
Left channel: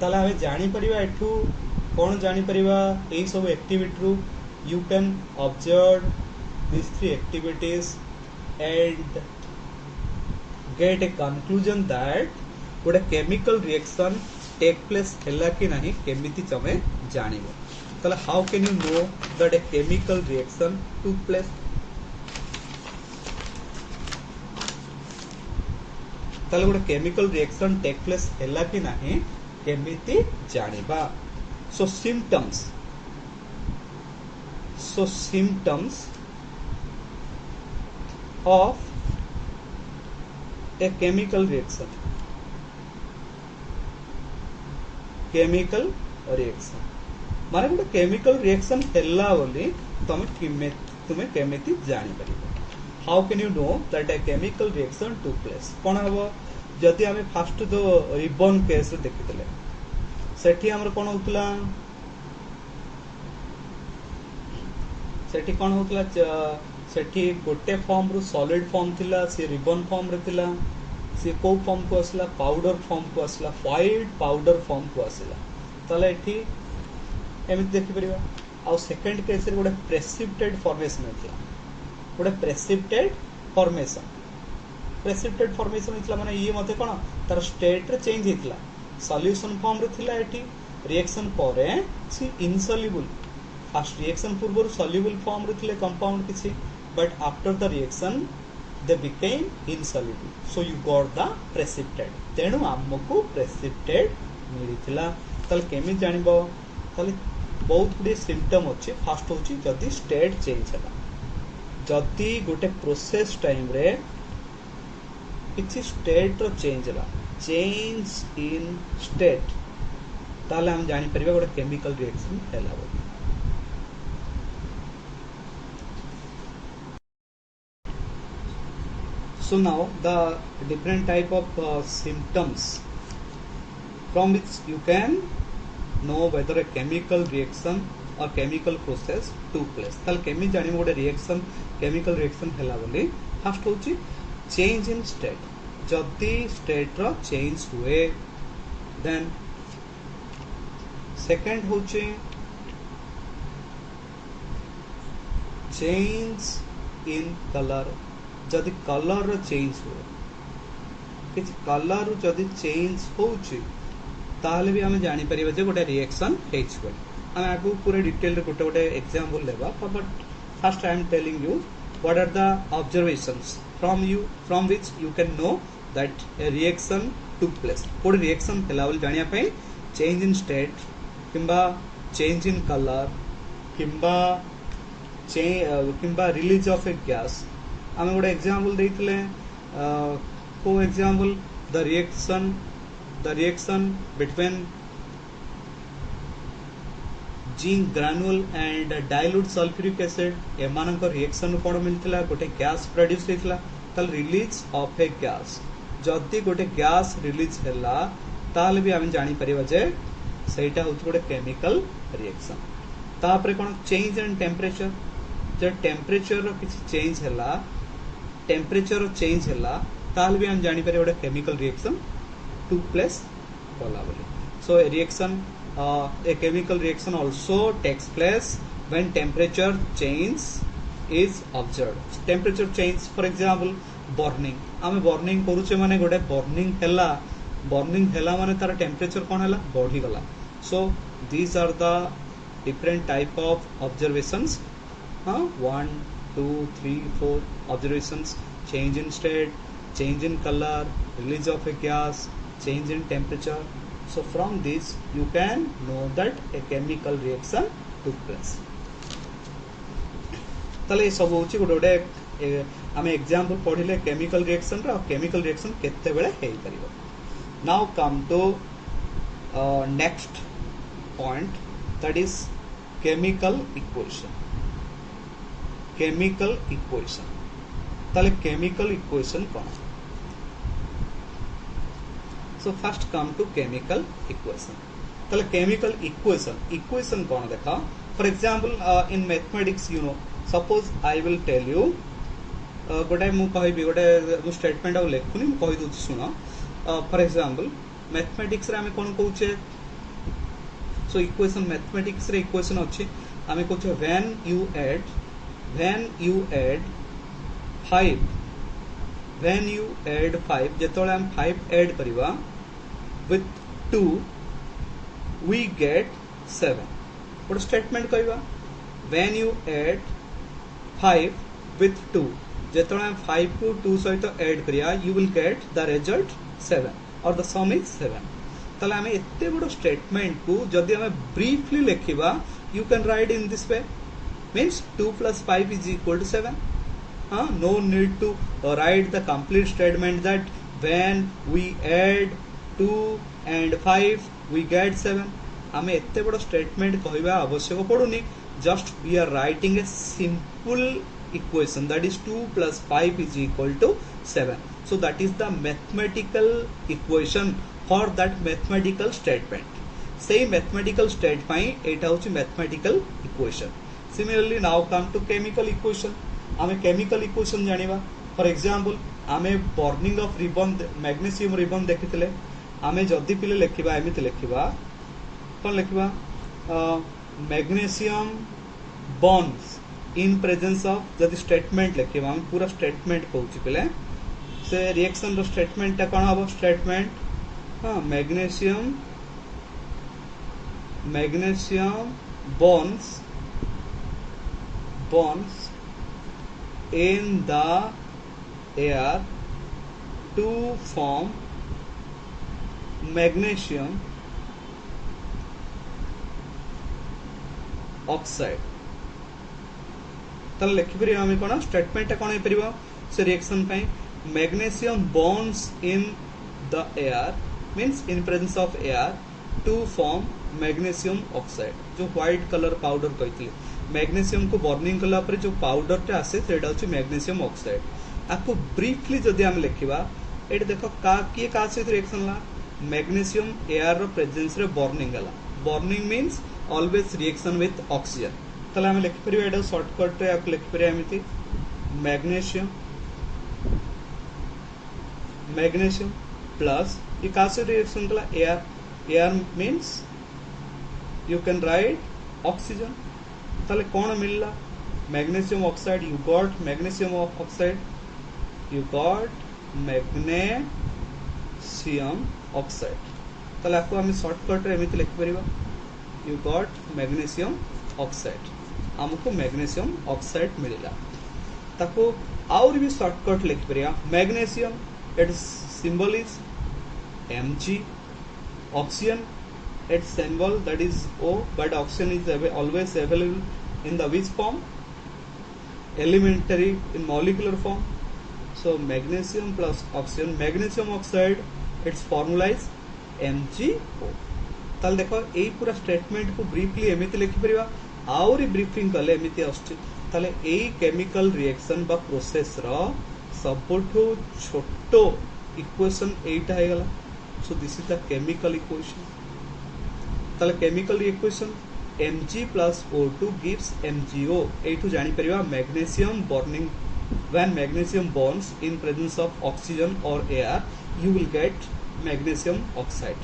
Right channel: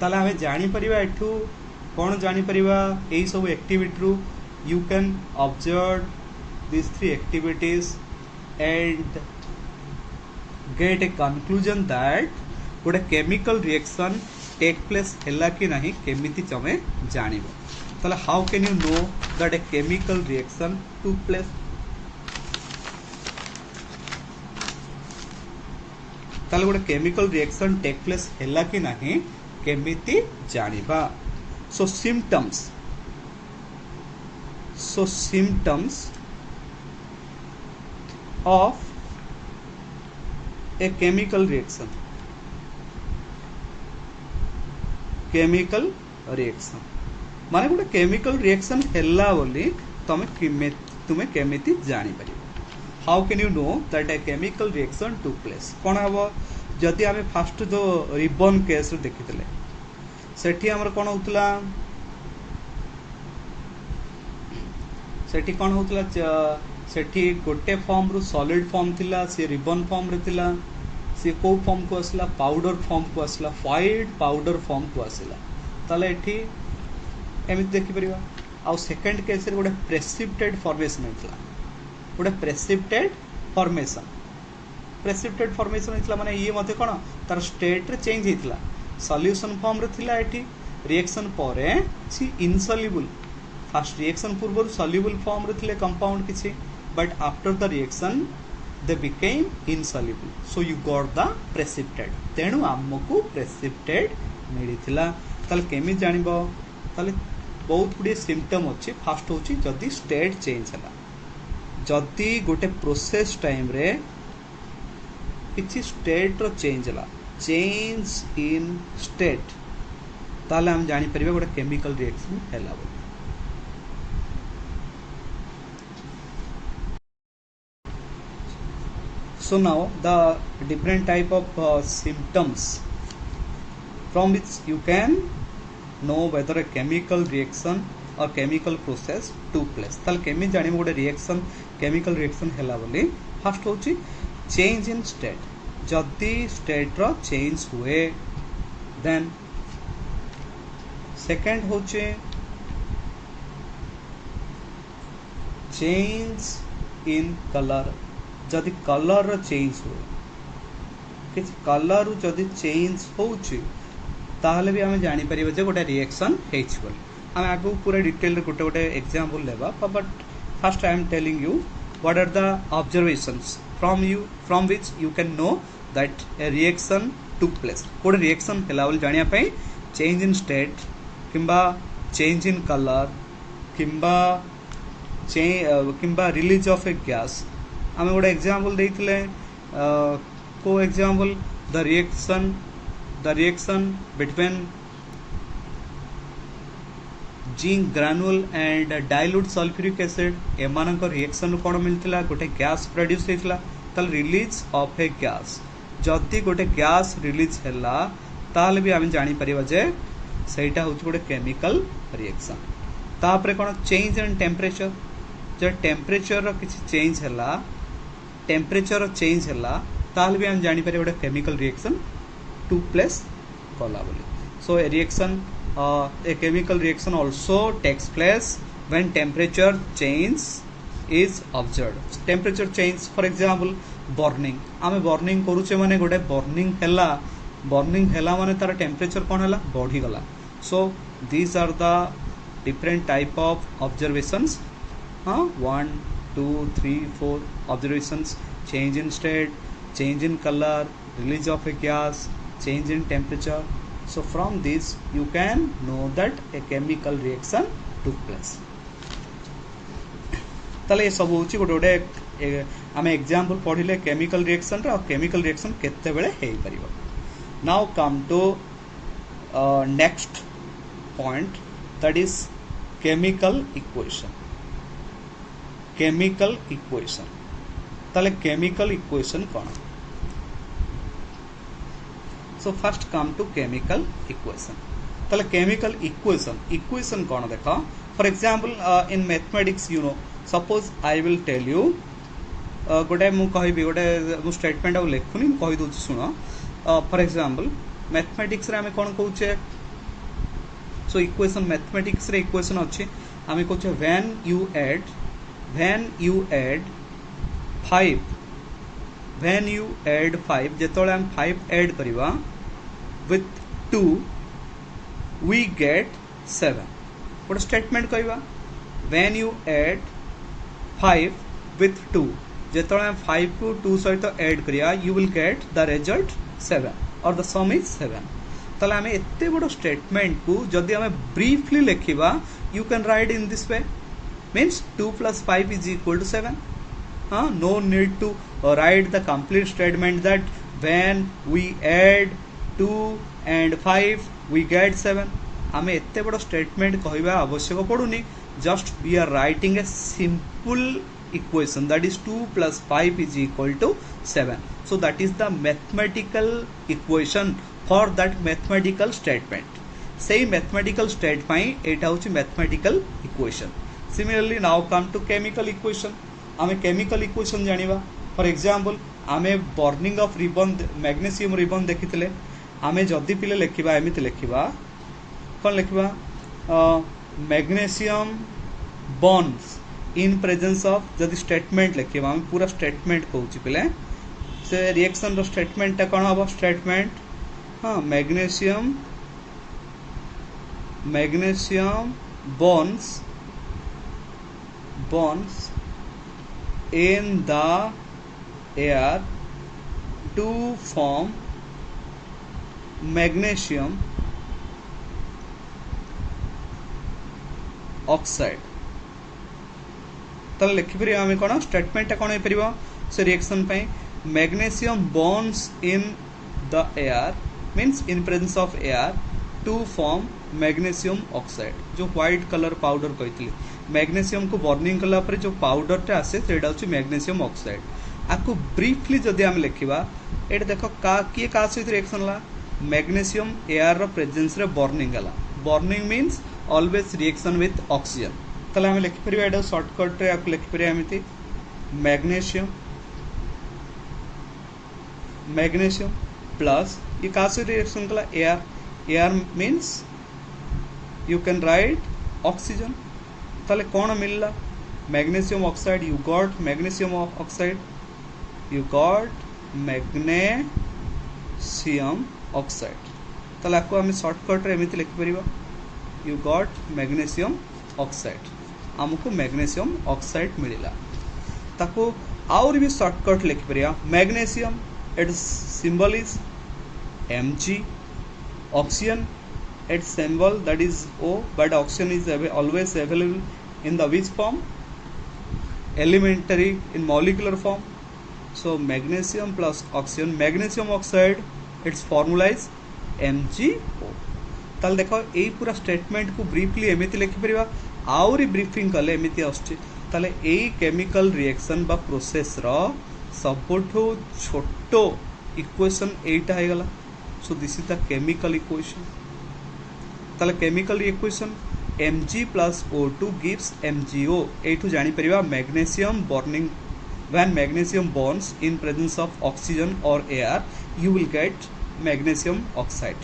ताले हमें जानि परिबा एठू कोन जानि परिबा एई सब एक्टिविटी रू you can observe this three activities and gate a conclusion that गोटे केमिकल रिएक्शन टेक प्लेस हैला कि नहीं केमिति तमे जानिबो. ताले how can you know that a chemical reaction took place. ताले गोटे केमिकल रिएक्शन टेक प्लेस हैला कि नहीं केमिति जानिबा. So symptoms of a chemical reaction, chemical reaction माने गोटे केमिकल रिएक्शन हैला बोली तुमे केमिति जानि परिबो. How can you know that a chemical reaction took place. कोन हबो जदि हमें फास्ट जो रिबन केस देखितले सेठी हमर कोन होतला, सेठी कोन होतला सेठी गोटे फॉर्म रु सॉलिड फॉर्म थिला, से रिबन फॉर्म रे थिला. से को फॉर्म को असला पाउडर फॉर्म को असला, व्हाइट पाउडर फॉर्म को असला. ताले एठी एमित देखि परिबा. आ सेकंड केस रे गोटे प्रेसिपिटेट फॉर्मेशन होतला, गोटे प्रेसिपिटेट फॉर्मेशन. प्रेसिपिटेट फॉर्मेशन होतला माने ये मते कोन तार स्टेट रे चेंज हितला. सॉल्यूशन फॉर्म रे थिला एठी, रिएक्शन परे सी इनसॉल्युबल. फर्स्ट रिएक्शन पूर्व सॉल्युबल फॉर्म रे थिले कंपाउंड किछि, but after the reaction they became insoluble, so you got the precipitate. तेणु आमको precipitate मिलिथिला. ताले केमि जानिबो, ताले बहुत गुडे सिम्पटम अछि. फास्ट होछि जदि स्टेट चेंज हला, जदि गोटे प्रोसेस टाइम रे किछि स्टेट रो चेंज हला, चेंज इन स्टेट, ताले हम जानि परिबा गोटे केमिकल रिएक्शन हैला. So now the different type of symptoms from which you can know whether a chemical reaction or chemical process took place. ताल केमि जानि मोडे रिएक्शन केमिकल रिएक्शन हैला बोली. फर्स्ट होची चेंज इन स्टेट, जदि state रो change हुए. Then second होची change in colour, जदि colour रो change हुए, किछ कलर रो जदि चेंज होउची ताहले भी हमें जानि परिबे जे गोटे रिएक्शन हेछि बोली. हम आगु पूरा डिटेल रे गोटे गोटे एग्जांपल लेबा, but first I am telling you what are the observations from which you can know that a reaction took place. गोटे रिएक्शन हैला बोली जानिया पई चेंज इन स्टेट किंबा चेंज इन कलर किंबा किंबा रिलीज ऑफ ए गैस आम गोटे एग्जांपल देइथिले को example the reaction between zinc granule and dilute sulphuric acid एमानक रिएक्शन कोन मिलथिला गोटे गैस प्रोड्यूस हेतिला तल रिलीज ऑफ ए गैस जदि गोटे गैस रिलीज हैला ताल भी आम जानी परिबा जे सेटा होछ गोटे केमिकल रिएक्शन तापरे कोन चेंज इन टेम्परेचर जो टेम्परेचर रो किछि चेंज हैला टेम्परेचर चेंज हैला ताल भी हम जानी परिबा गोटे केमिकल रिएक्शन टू प्लेस कला बोली so a reaction a chemical reaction also takes place when temperature change is observed temperature change for example burning आमे burning करूचे माने गोटे burning हैला माने तार temperature कोन हैला बढ़ी गला so these are the different type of observations 1 2 3 4 observations change in state change in color release of a gas change in temperature so from this you can know that a chemical reaction took place तले ये सब होची गोटे गोटे आमे example पढिले chemical reaction रा chemical reaction केते बेले हेई परिबो now come to next point that is chemical equation तले केमिकल इक्वेशन कोन so first come to chemical equation tale chemical equation kono dekha for example in mathematics you know suppose I will tell you gote mu kahibi gote mu statement au lekhuni mu kahi dochi suno for example mathematics re ame kon koche so equation mathematics re equation achi ame koche when you add 5 जेतोले हम 5 add करिवा with 2 we get 7 गोटे statement कहवा when you add 5 with 2 जेतोले हम 5 को 2 सहित add करिया you will get the result 7 or the sum is 7 तले हमें एते बडो स्टेटमेंट को जदी हमें briefly लिखिबा you can write in this way means 2 plus 5 is equal to 7 no need to write the complete statement that when we add 2 and 5 we get 7 हमें एते बड़ो स्टेटमेंट कहवा आवश्यक पड़ुनी just we are writing a simple equation that is 2 plus 5 is equal to 7 so that is the mathematical equation for that mathematical statement say mathematical statement एटा होची mathematical equation similarly now come to chemical equation आमे chemical equation जानिबा for example आमे burning of ribbon magnesium ribbon देखिथिले आमे जदी पिले लेखिबा एमिति लेखिबा कोन लेखिबा magnesium burns in presence of जदी स्टेटमेंट लेखिबा हम पूरा स्टेटमेंट कहूची पिले से रिएक्शन रो स्टेटमेंट ता कोन हबो statement magnesium bonds in the air to form magnesium oxide तले लिखि परिबा हम कोन स्टेटमेंट कोन होई परिबो से रिएक्शन पई magnesium bonds in the air means in presence of air to form magnesium oxide जो व्हाइट कलर पाउडर कहथिले मैग्नीशियम को बर्निंग कला पर जो पाउडर टा आसे सेटा होची मैग्नीशियम ऑक्साइड आको ब्रीफली जदी हम लिखिबा एट देखो का की का सहित रिएक्शन ला मैग्नीशियम एयर रो प्रेजेंस रे बर्निंग गला burning means always reaction with oxygen तले हम लिखि परिबा एटा शॉर्टकट रे आको लिखि परिबा एमिति मैग्नीशियम प्लस ये का सहित रिएक्शन कला air means you can write oxygen ताले कौन मिलला magnesium oxide you got magnesium oxide you got magnesium oxide ताले आपको हम शॉर्टकट रे एमिति लिखि परिबा यू गॉट मैग्नीशियम ऑक्साइड हमको मैग्नीशियम ऑक्साइड मिलिला ताको और भी शॉर्टकट लिखि परिबा magnesium its symbol is Mg oxygen its symbol that is O but oxygen is always available in the which form? Elementary in molecular form. So magnesium plus oxygen, magnesium oxide, its formula is MgO. ताल देखो यही पूरा statement को briefly एमिति लिखि परिबा आउरी briefing कले एमिति आछी ताले एई केमिकल रिएक्शन बा प्रोसेस रो सबठो छोटो इक्वेशन एटा हे गला. So this is the chemical equation. ताले chemical equation Mg plus O2 gives MgO. एठु जानि परिबा magnesium burning, when magnesium burns in presence of oxygen or air, you will get magnesium oxide.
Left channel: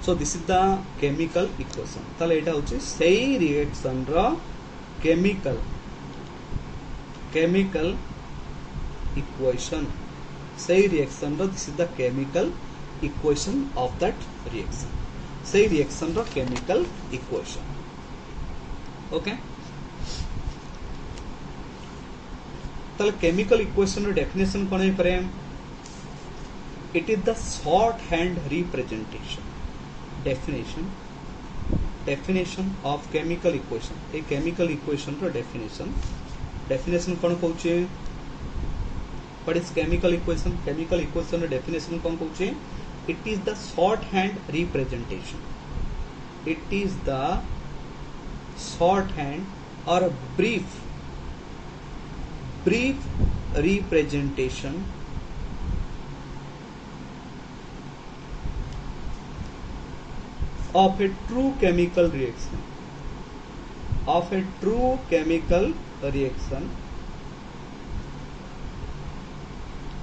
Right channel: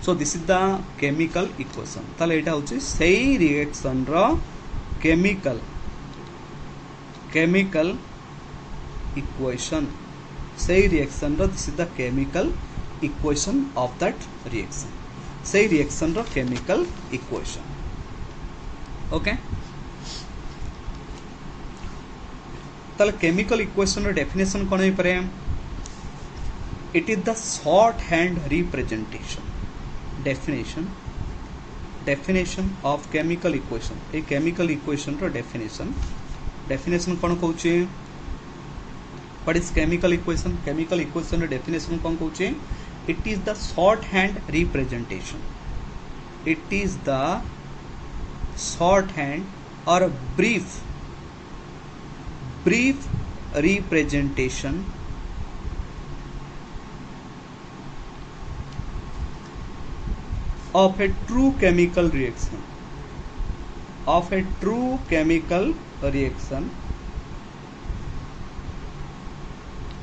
So this is the chemical equation. ताले एटा होची सेही reaction रो chemical equation. सेही reaction रो this is the chemical equation of that reaction. सेही reaction रो chemical equation. Okay, ताले केमिकल इक्वेशन रो डेफिनेशन कोन हे परे? It is the shorthand representation. Definition of chemical equation. ए केमिकल इक्वेशन रो डेफिनेशन कोन कहउची? What is chemical equation? Chemical equation रो डेफिनेशन कोन कहउची? It is the shorthand representation. It is the shorthand or brief representation of a true chemical reaction. Of a true chemical reaction.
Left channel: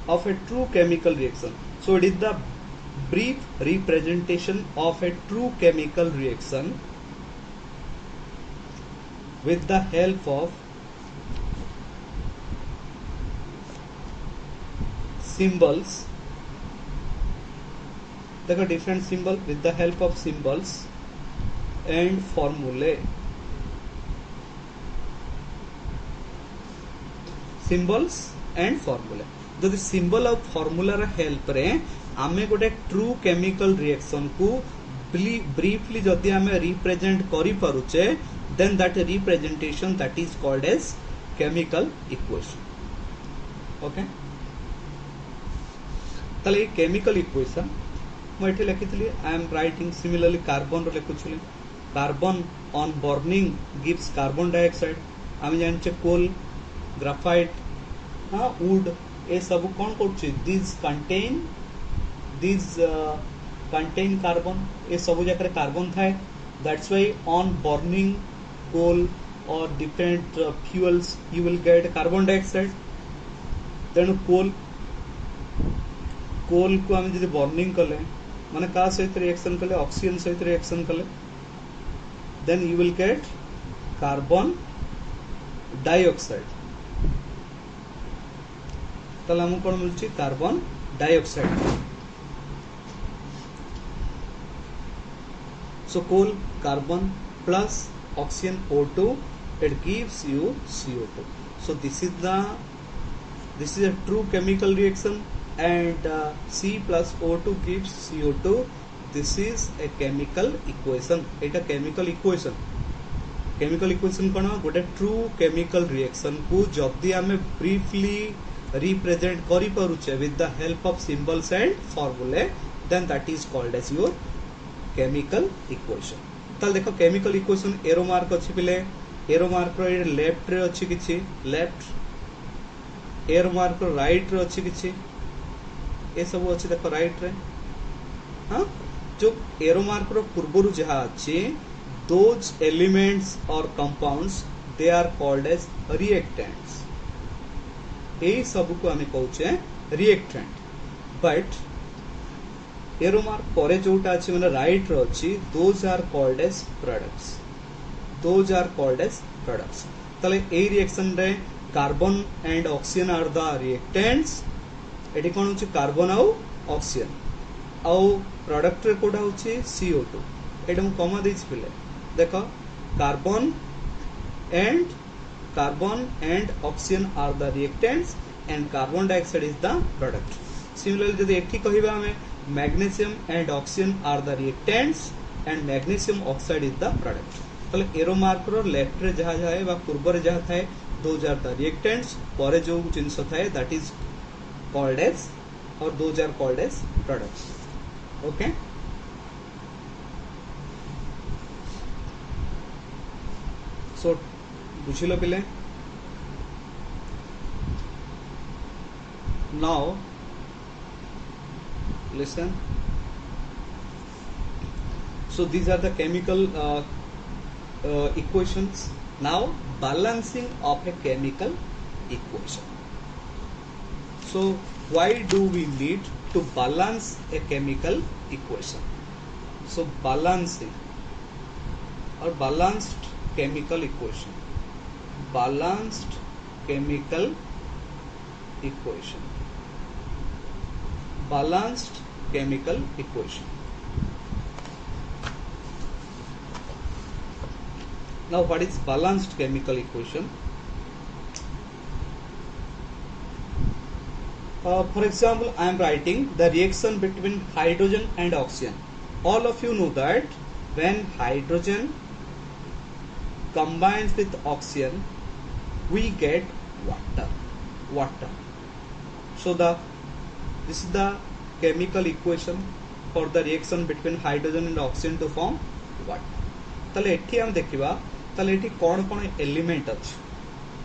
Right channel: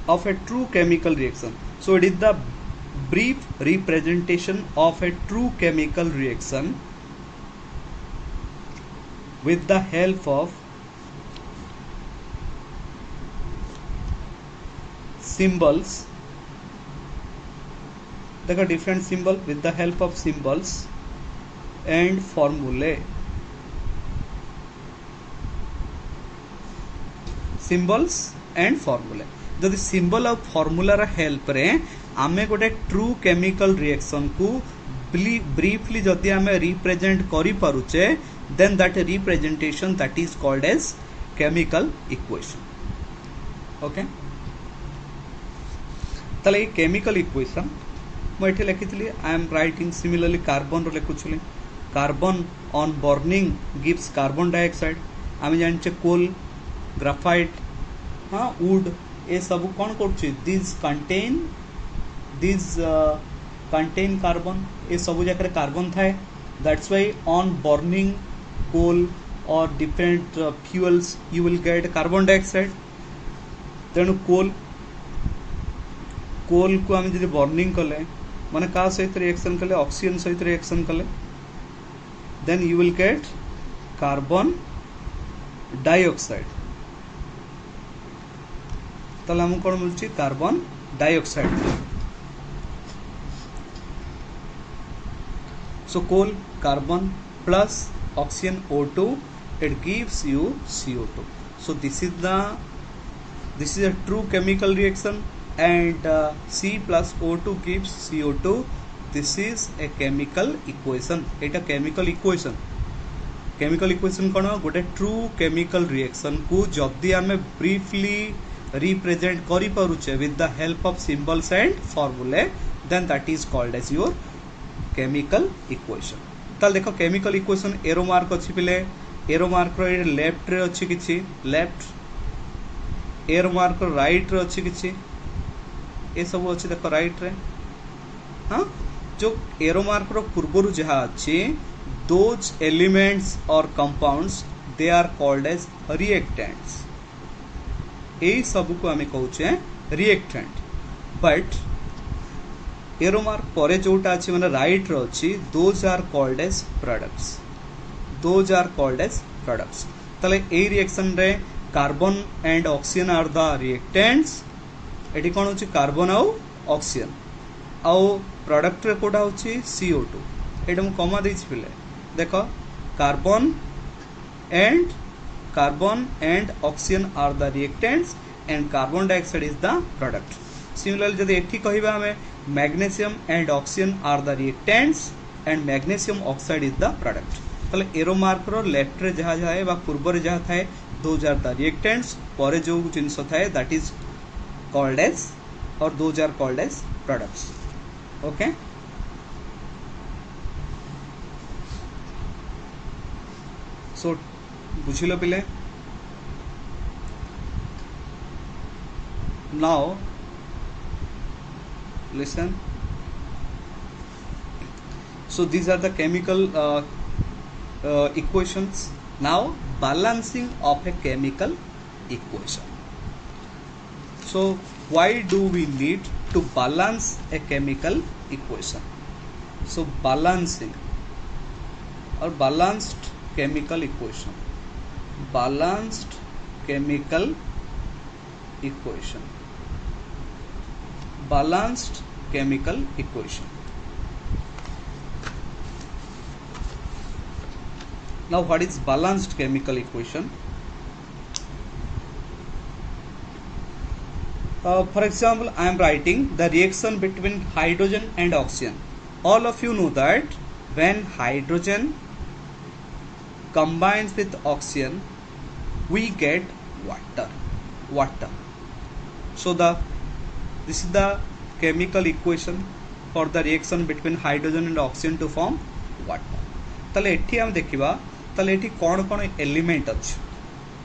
Of a true chemical reaction. So it is the brief representation of a true chemical reaction with the help of symbols. देखो different symbol, with the help of symbols and formulae. Symbols and formulae. जदि symbol और formula रा help रे आमे गोटे true chemical reaction को briefly जदि आमे रिप्रेजेंट करि पारुचे, then that representation that is called as chemical equation. Okay, तले ये केमिकल इक्वेशन मो एठी लिखितली. I am writing similarly carbon रो लिखुछली. Carbon on burning gives carbon dioxide. आमे जानचे कोल, ग्राफाइट, वुड, ए सब कौन करछे? This contain carbon. ए सब जगह कार्बन थाए. That's why on burning coal और different fuels you will get carbon dioxide. तेणु कोल को आम जब बर्निंग कले माने का सहित रिएक्शन कले? ऑक्सीजन सहित रिएक्शन कले, then you will get carbon dioxide. ताले हमको कौन मिलची? Carbon dioxide. So coal, carbon plus oxygen O2, it gives you CO2. So this is a true chemical reaction, and C plus O2 gives CO2. This is a chemical equation. Etah chemical equation. chemical equation कौन? गोटे true chemical reaction को जदि आमे briefly represent करि पारुचे with the help of symbols and formulae, then that is called as your chemical equation. ताल देखो chemical equation arrow mark अछि पिले. एरो मार्क रो लेफ्ट रे अछि किछि left, arrow mark row right रे अछि किछि, ए सब अछि देखो राइट रे. हां, जो एरो मार्क रो पूर्वरु जहा अछि, those elements or compounds, they are called as reactants. यही सब को आम कहे रिएक्टेंट. बट एरो मार्क परे जोटा अछि माने राइट रो अछि, those are called as products. ताले ए रिएक्शन रे carbon and oxygen are the reactants. एटी कोन होछि? कार्बन आउ ऑक्सीजन. आउ प्रोडक्ट रे कोडा होछि CO2. एटा हम कमा देछि पिले. देखो carbon and oxygen are the reactants and carbon dioxide is the product. Similarly, जदि एठी कहिबा हमें magnesium and oxygen are the reactants and magnesium oxide is the product. ताले एरो मार्क रो लेफ्ट रे जहा जाए बा पूर्व रे जहा थाए दोज आर द रिएक्टेंट्स परे जो जिंस थाए दैट इज कॉल्ड एज और those are called as products okay so बुझिलो पिले now listen so these are the chemical equations now balancing of a chemical equation so why do we need to balance a chemical equation so balancing or balanced chemical equation balanced chemical equation balanced chemical equation. Now what is balanced chemical equation? For example, I am writing the reaction between hydrogen and oxygen. All of you know that when hydrogen combines with oxygen, we get water. So this is the chemical equation for the reaction between hydrogen and oxygen to form water. ताले एठी हम देखिबा ताले एठी कोन कोन element अछि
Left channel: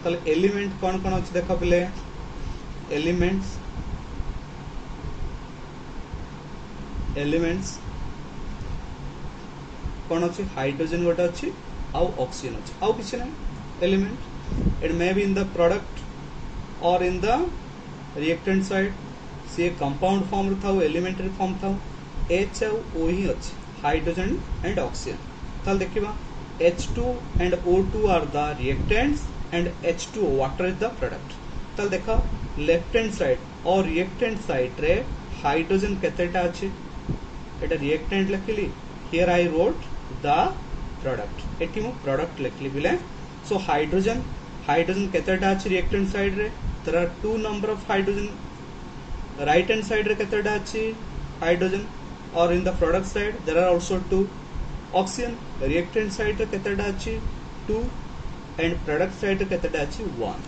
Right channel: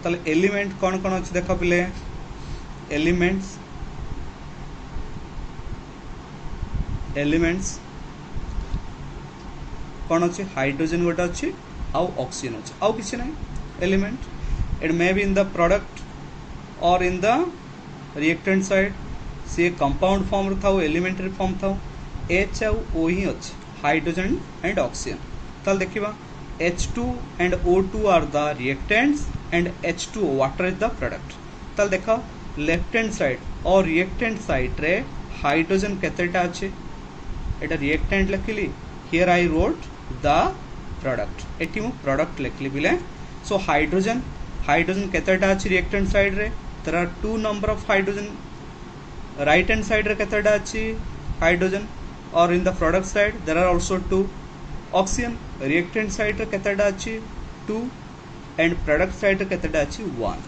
ताले element कोन कोन अछि देखो पिले एलिमेंट्स कोन अछि हाइड्रोजन गोटा अछि आउ ऑक्सीजन अछि आउ किछ नै element it may be in the product और इन द रिएक्टेंट साइड से कंपाउंड फॉर्म था एलिमेंटरी फॉर्म था H आउ O ही अछि हाइड्रोजन एंड ऑक्सीजन ताल देखिबा H2 and O2 are the reactants and H2O water is the product ताल देखा लेफ्ट हैंड साइड और रिएक्टेंट साइड रे हाइड्रोजन केतेटा अछि एटा रिएक्टेंट लिखली here I wrote the product एटी मु प्रोडक्ट लिखली बिले सो हाइड्रोजन केतेटा अछि रिएक्टेंट साइड रे there are two number of hydrogen right hand side रे केतेटा अछि हाइड्रोजन और in the product side there are also two oxygen reactant side रे केतेटा अछि 2 एंड प्रोडक्ट साइड रे केतेटा अछि 1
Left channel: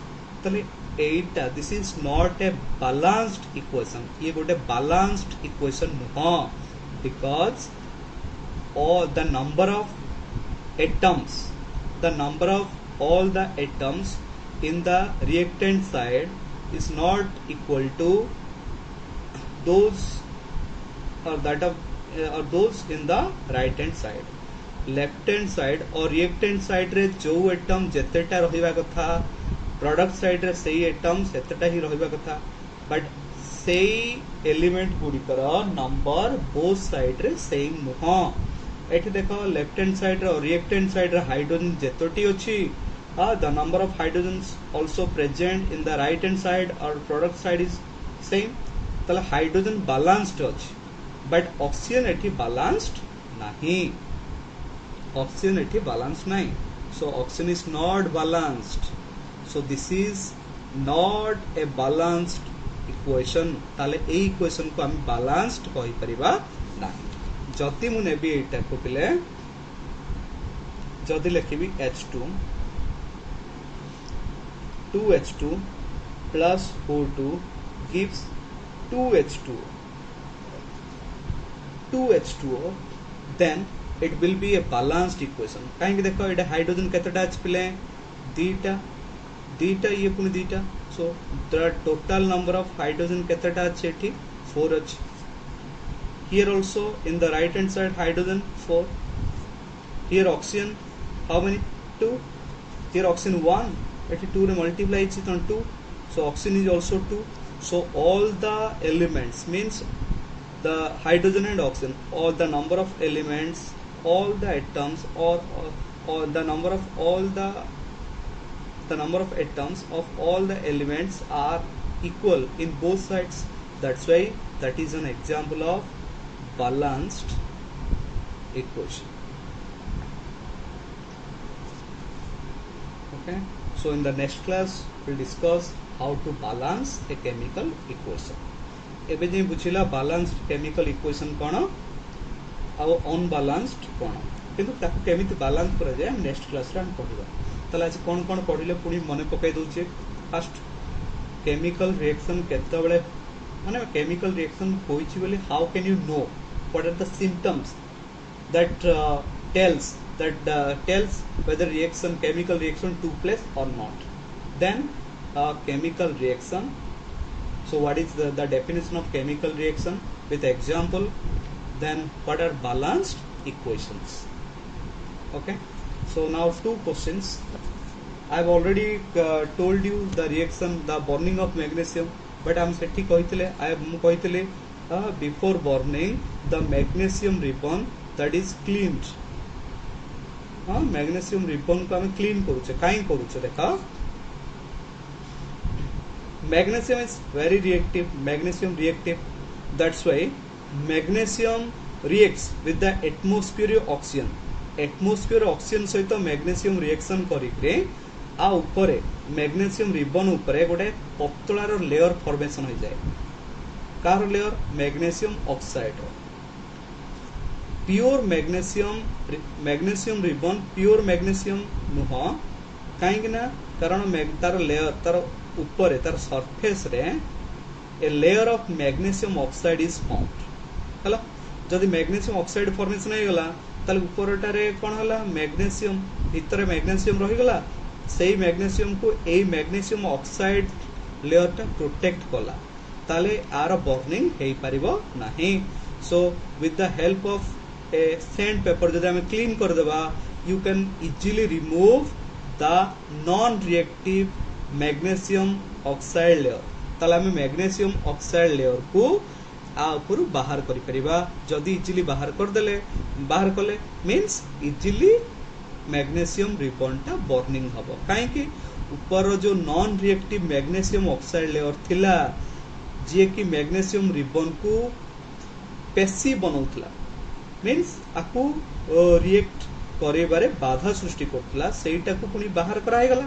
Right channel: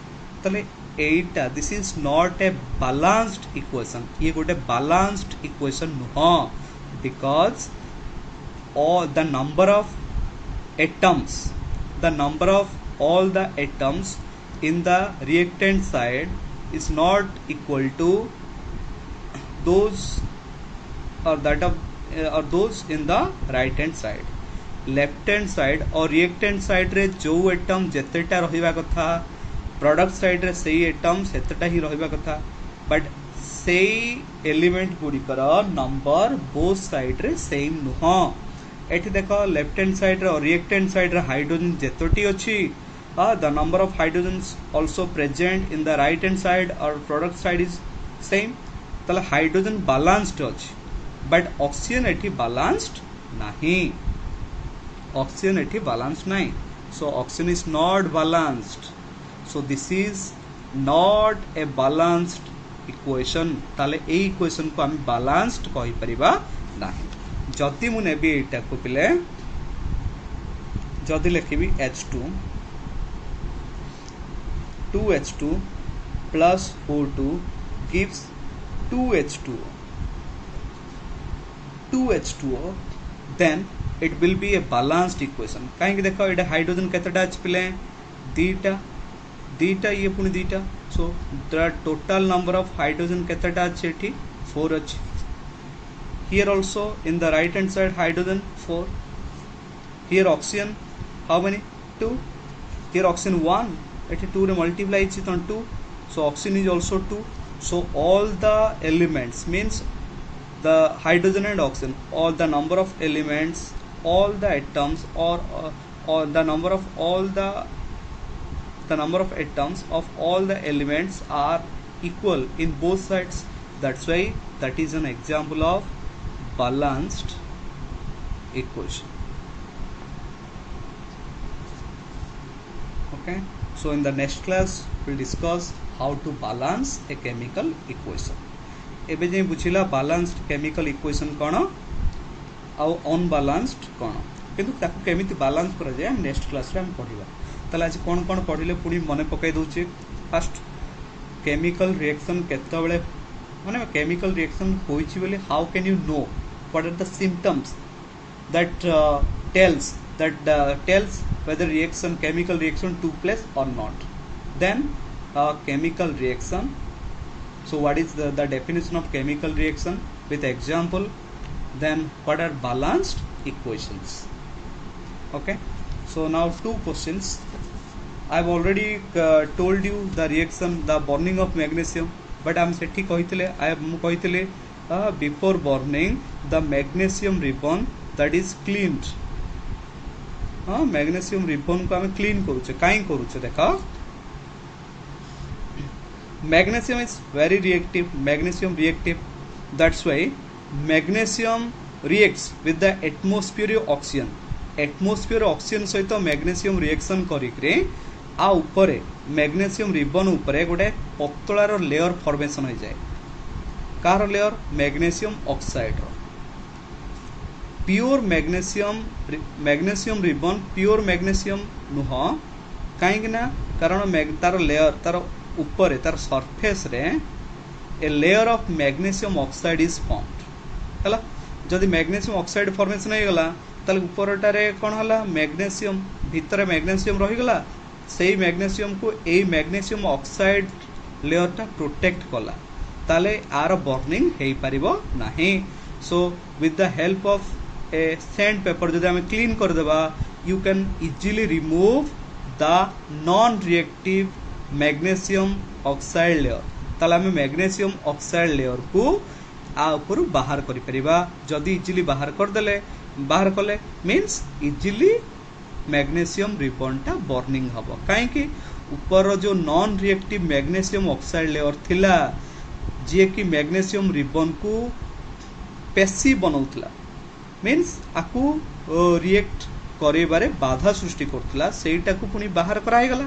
तले एटा this is not a balanced equation ये गोटे balanced equation no because all the number of all the atoms in the reactant side is not equal to those or that of or those in the right hand side left hand side और reactant side रे जो atom जेतेटा रहिबा कथा product side रे सेही atom सेतेटा ही रहिबा कथा but सेही element गुड़िकर number both side रे same नुह एठी देखो left hand side रे और reactant side रे hydrogen जेतोटी अछि the number of hydrogens also present in the right hand side or product side is same ताले हाइड्रोजन बैलेंस्ड अछि बट ऑक्सीजन एठी बैलेंस्ड नाही so oxygen is not balanced so this is not a balanced equation ताले ए equation को हम balanced कहि परिबा नाही जति मु नेबी एटा को पिले जति लिखिबी H2 2H2 plus O2 gives 2H2O then it will be a balanced equation काहे देखो एटा हाइड्रोजन केतेटा अछि पिले दीटा ये पुनी दीटा so the total number of hydrogen केतेटा अछि एठी 4 अछि here also in the right hand side hydrogen 4 here oxygen how many 2 here oxygen 1 एठी 2 रे multiply is 2 so oxygen is also 2 so all the elements means the hydrogen and oxygen all the number of elements all the atoms or the number of all the number of atoms of all the elements are equal in both sides that's why that is an example of balanced equation okay so in the next class we'll discuss how to balance a chemical equation एबे जे बुझिला balanced chemical equation कोन आ unbalanced कोन किंतु ताकू केमिति balance करा जाए next class रे हम पढिबा। ताले आज कोन पढिले पुनी मने पकाई दउचे। फर्स्ट केमिकल रिएक्शन केतबेले माने केमिकल रिएक्शन होइछि बोले how can you know what are the symptoms that tells whether chemical reaction took place or not. Then chemical reaction. So what is the definition of chemical reaction with example? Then what are balanced equations? Okay, so now two questions. I've already told you the reaction, the burning of magnesium, but I'm सेठी कहितले before burning the magnesium ribbon that is cleaned. Magnesium ribbon को हमें clean करूचे काई करूचे देखा magnesium is very reactive magnesium reactive that's why magnesium reacts with the atmosphere oxygen सहित magnesium reaction करिकरे आ ऊपरे मैग्नेशियम रिबन ऊपरे गोटे पतलार लेयर फॉर्मेशन हो जाए कार layer magnesium oxide pure magnesium ribbon pure magnesium नुह कहीं कारण तार लेयर तार ऊपर तार सरफेस रे a layer of magnesium oxide is formed हला जदि मैग्नेशियम ऑक्साइड फॉर्मेशन हो गला ताले ऊपरटारे कोन हला मैग्नेशियम भीतर मैग्नेशियम रही गला सेही मैग्नेशियम को ए मैग्नेशियम ऑक्साइड लेयर टा प्रोटेक्ट कला ताले आर बर्निंग हेई परिबो नाही so with the help of A sand paper जदि हमें क्लीन कर देबा you can easily remove the non reactive magnesium oxide layer ताले हमें मैग्नेशियम ऑक्साइड लेयर को आ ऊपर बाहर करि परिबा जदि इजीली बाहर कर देले बाहर कले मींस इजीली मैग्नेशियम रिबन टा बर्निंग हबो काहे कि ऊपर जो non reactive magnesium oxide layer थिला जे कि मैग्नेशियम रिबन को पेशी बनाउतला मीन्स आकु रिएक्ट करेबारे बाधा सृष्टि करथिला सेटा को पुनी बाहर कराय गला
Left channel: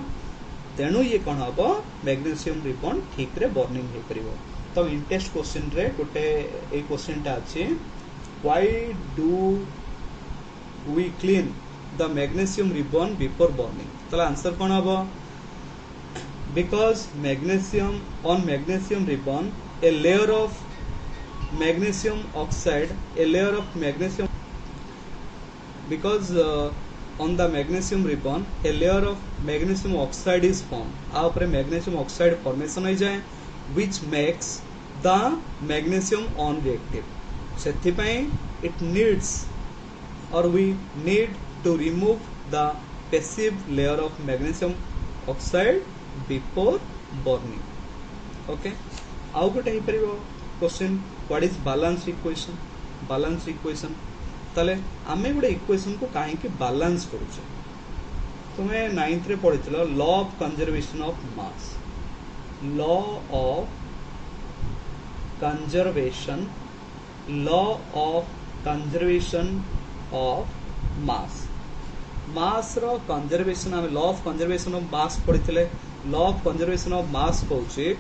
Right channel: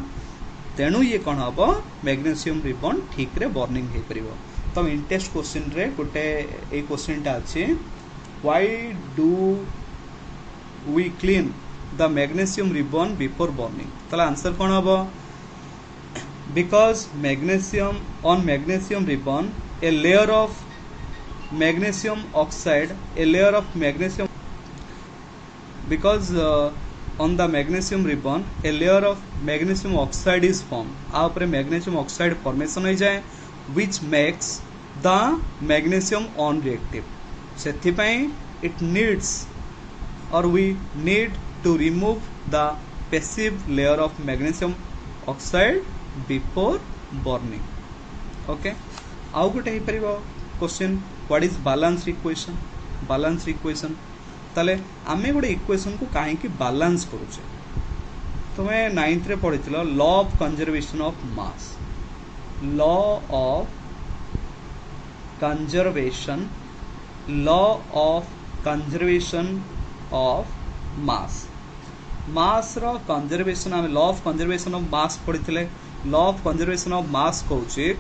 तेणु ये कोन हबो मैग्नेशियम रिबन ठीक रे बर्निंग हे परिबो तो इंटेस्ट क्वेश्चन रे गोटे ए क्वेश्चन टा अछि why do we clean the magnesium ribbon before burning तला आंसर कोन हबो because on magnesium ribbon a layer of magnesium oxide because on the magnesium ribbon a layer of magnesium oxide is formed आ ऊपर magnesium oxide formation हो जाए which makes the magnesium non-reactive सेथि पई it needs or we need to remove the passive layer of magnesium oxide before burning. Okay, आउ गोटे हे परिबो question what is balance equation ताले आमे गोटे इक्वेशन को काहे कि बैलेंस करूचे तुमे 9th रे पढितलो law of conservation of mass mass रो कंजर्वेशन आमे law of conservation of mass पढितले law of conservation of mass कहूचे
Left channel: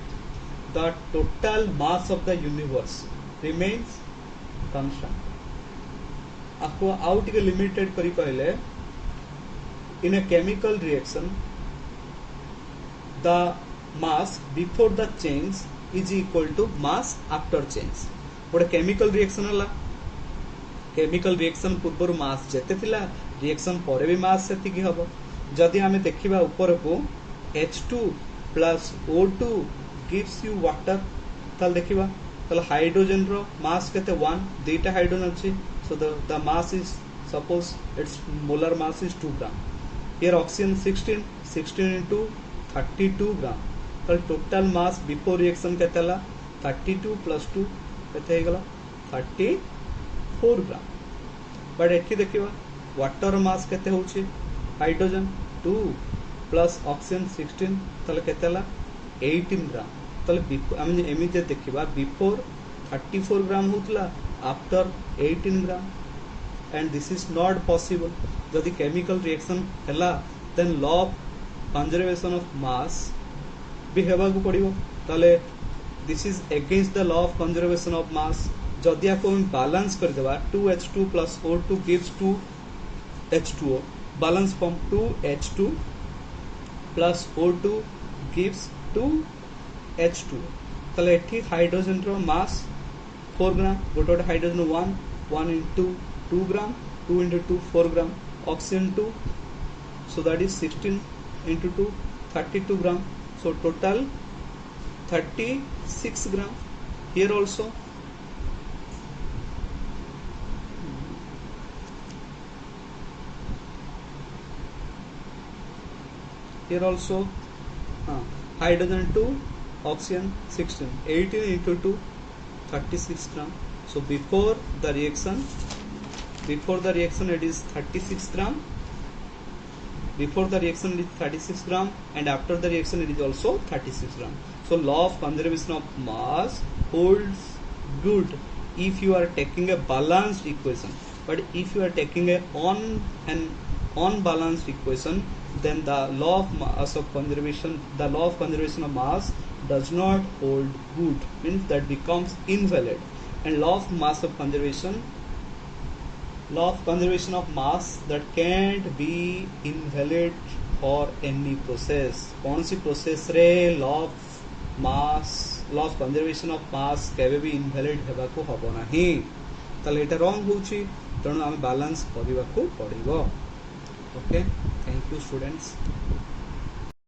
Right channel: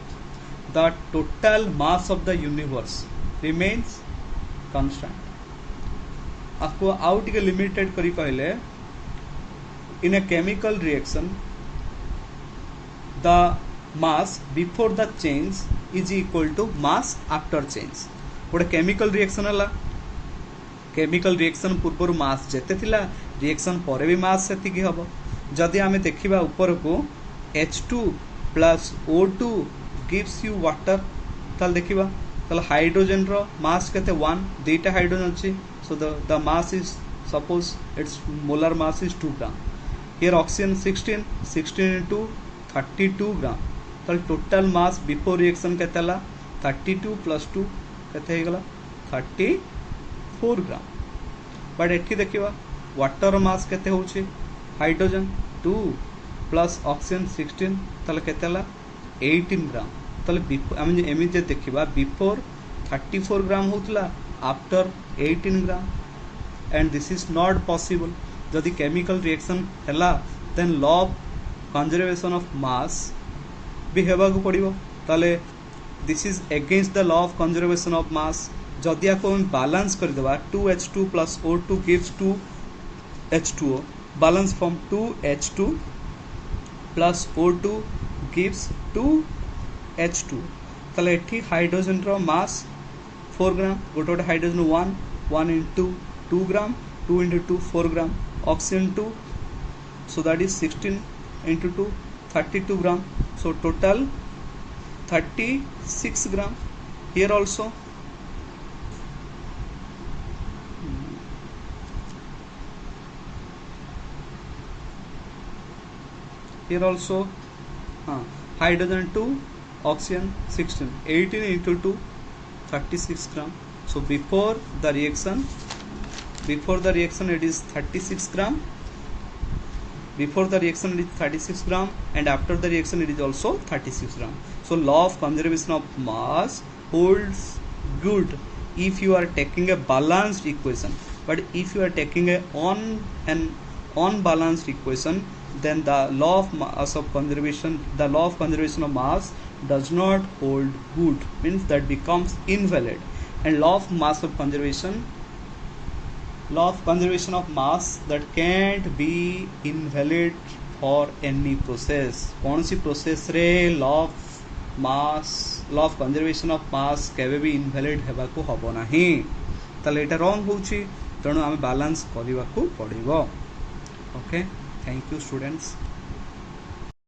the total mass of the universe remains constant आपको आउ टिके लिमिटेड करी कहले in a chemical reaction the mass before the change is equal to mass after change गोटे chemical reaction हला chemical reaction पूर्व mass जेते थिला रिएक्शन पर भी मास सेतिकी हबो जदि आमे देखिबा ऊपर को H2 plus O2 gives you water ताल देखिबा ताल हाइड्रोजन रो मास केते 1 दुईटा हाइड्रोजन अछि so the mass is suppose its molar mass is 2 gram here oxygen 16 into 32 gram ताल टोटल मास बिफोर रिएक्शन केतेला 32 plus 2 केते हे गला 34 ग्राम बट एठी देखिबा वाटर मास केते होउची हाइड्रोजन 2 प्लस ऑक्सीजन 16 ताले केतेला 18 ग्राम ताले हम एमि जे देखिबा बिफोर 34 ग्राम होतला after 18 gram and this is not possible जदि केमिकल रिएक्शन हला then law of conservation of mass भी हेबा को पड़िबो ताले this is against the law of conservation of mass जदि आको हम बैलेंस कर देबा 2H2 plus O2 gives 2 H2O. Balance form 2H2 plus O2 gives 2H2. তাহলে এটি হাইড্রোজেন র মাস 4 গ্রাম, গোটে গোটে hydrogen 1 into 2 gram, 2 into 2 4 gram, oxygen 2, so that is 16 into 2 32 gram, so total 36 gram. Here also hydrogen 2, oxygen 16, 18 into 2 36 gram. So before the reaction it is 36 gram, before the reaction it is 36 gram, and after the reaction it is also 36 gram. So law of conservation of mass holds good if you are taking a balanced equation, but if you are taking an unbalanced equation, then the law of conservation of mass does not hold good, means that becomes invalid. And law of conservation of mass that can't be invalid for any process. कौन सी process रे law of conservation of mass केवे भी invalid हेबा को हबो नाही, ताले एटा wrong होउची, तेणु आमे balance करिवा को पड़िबो. Okay, thank you students.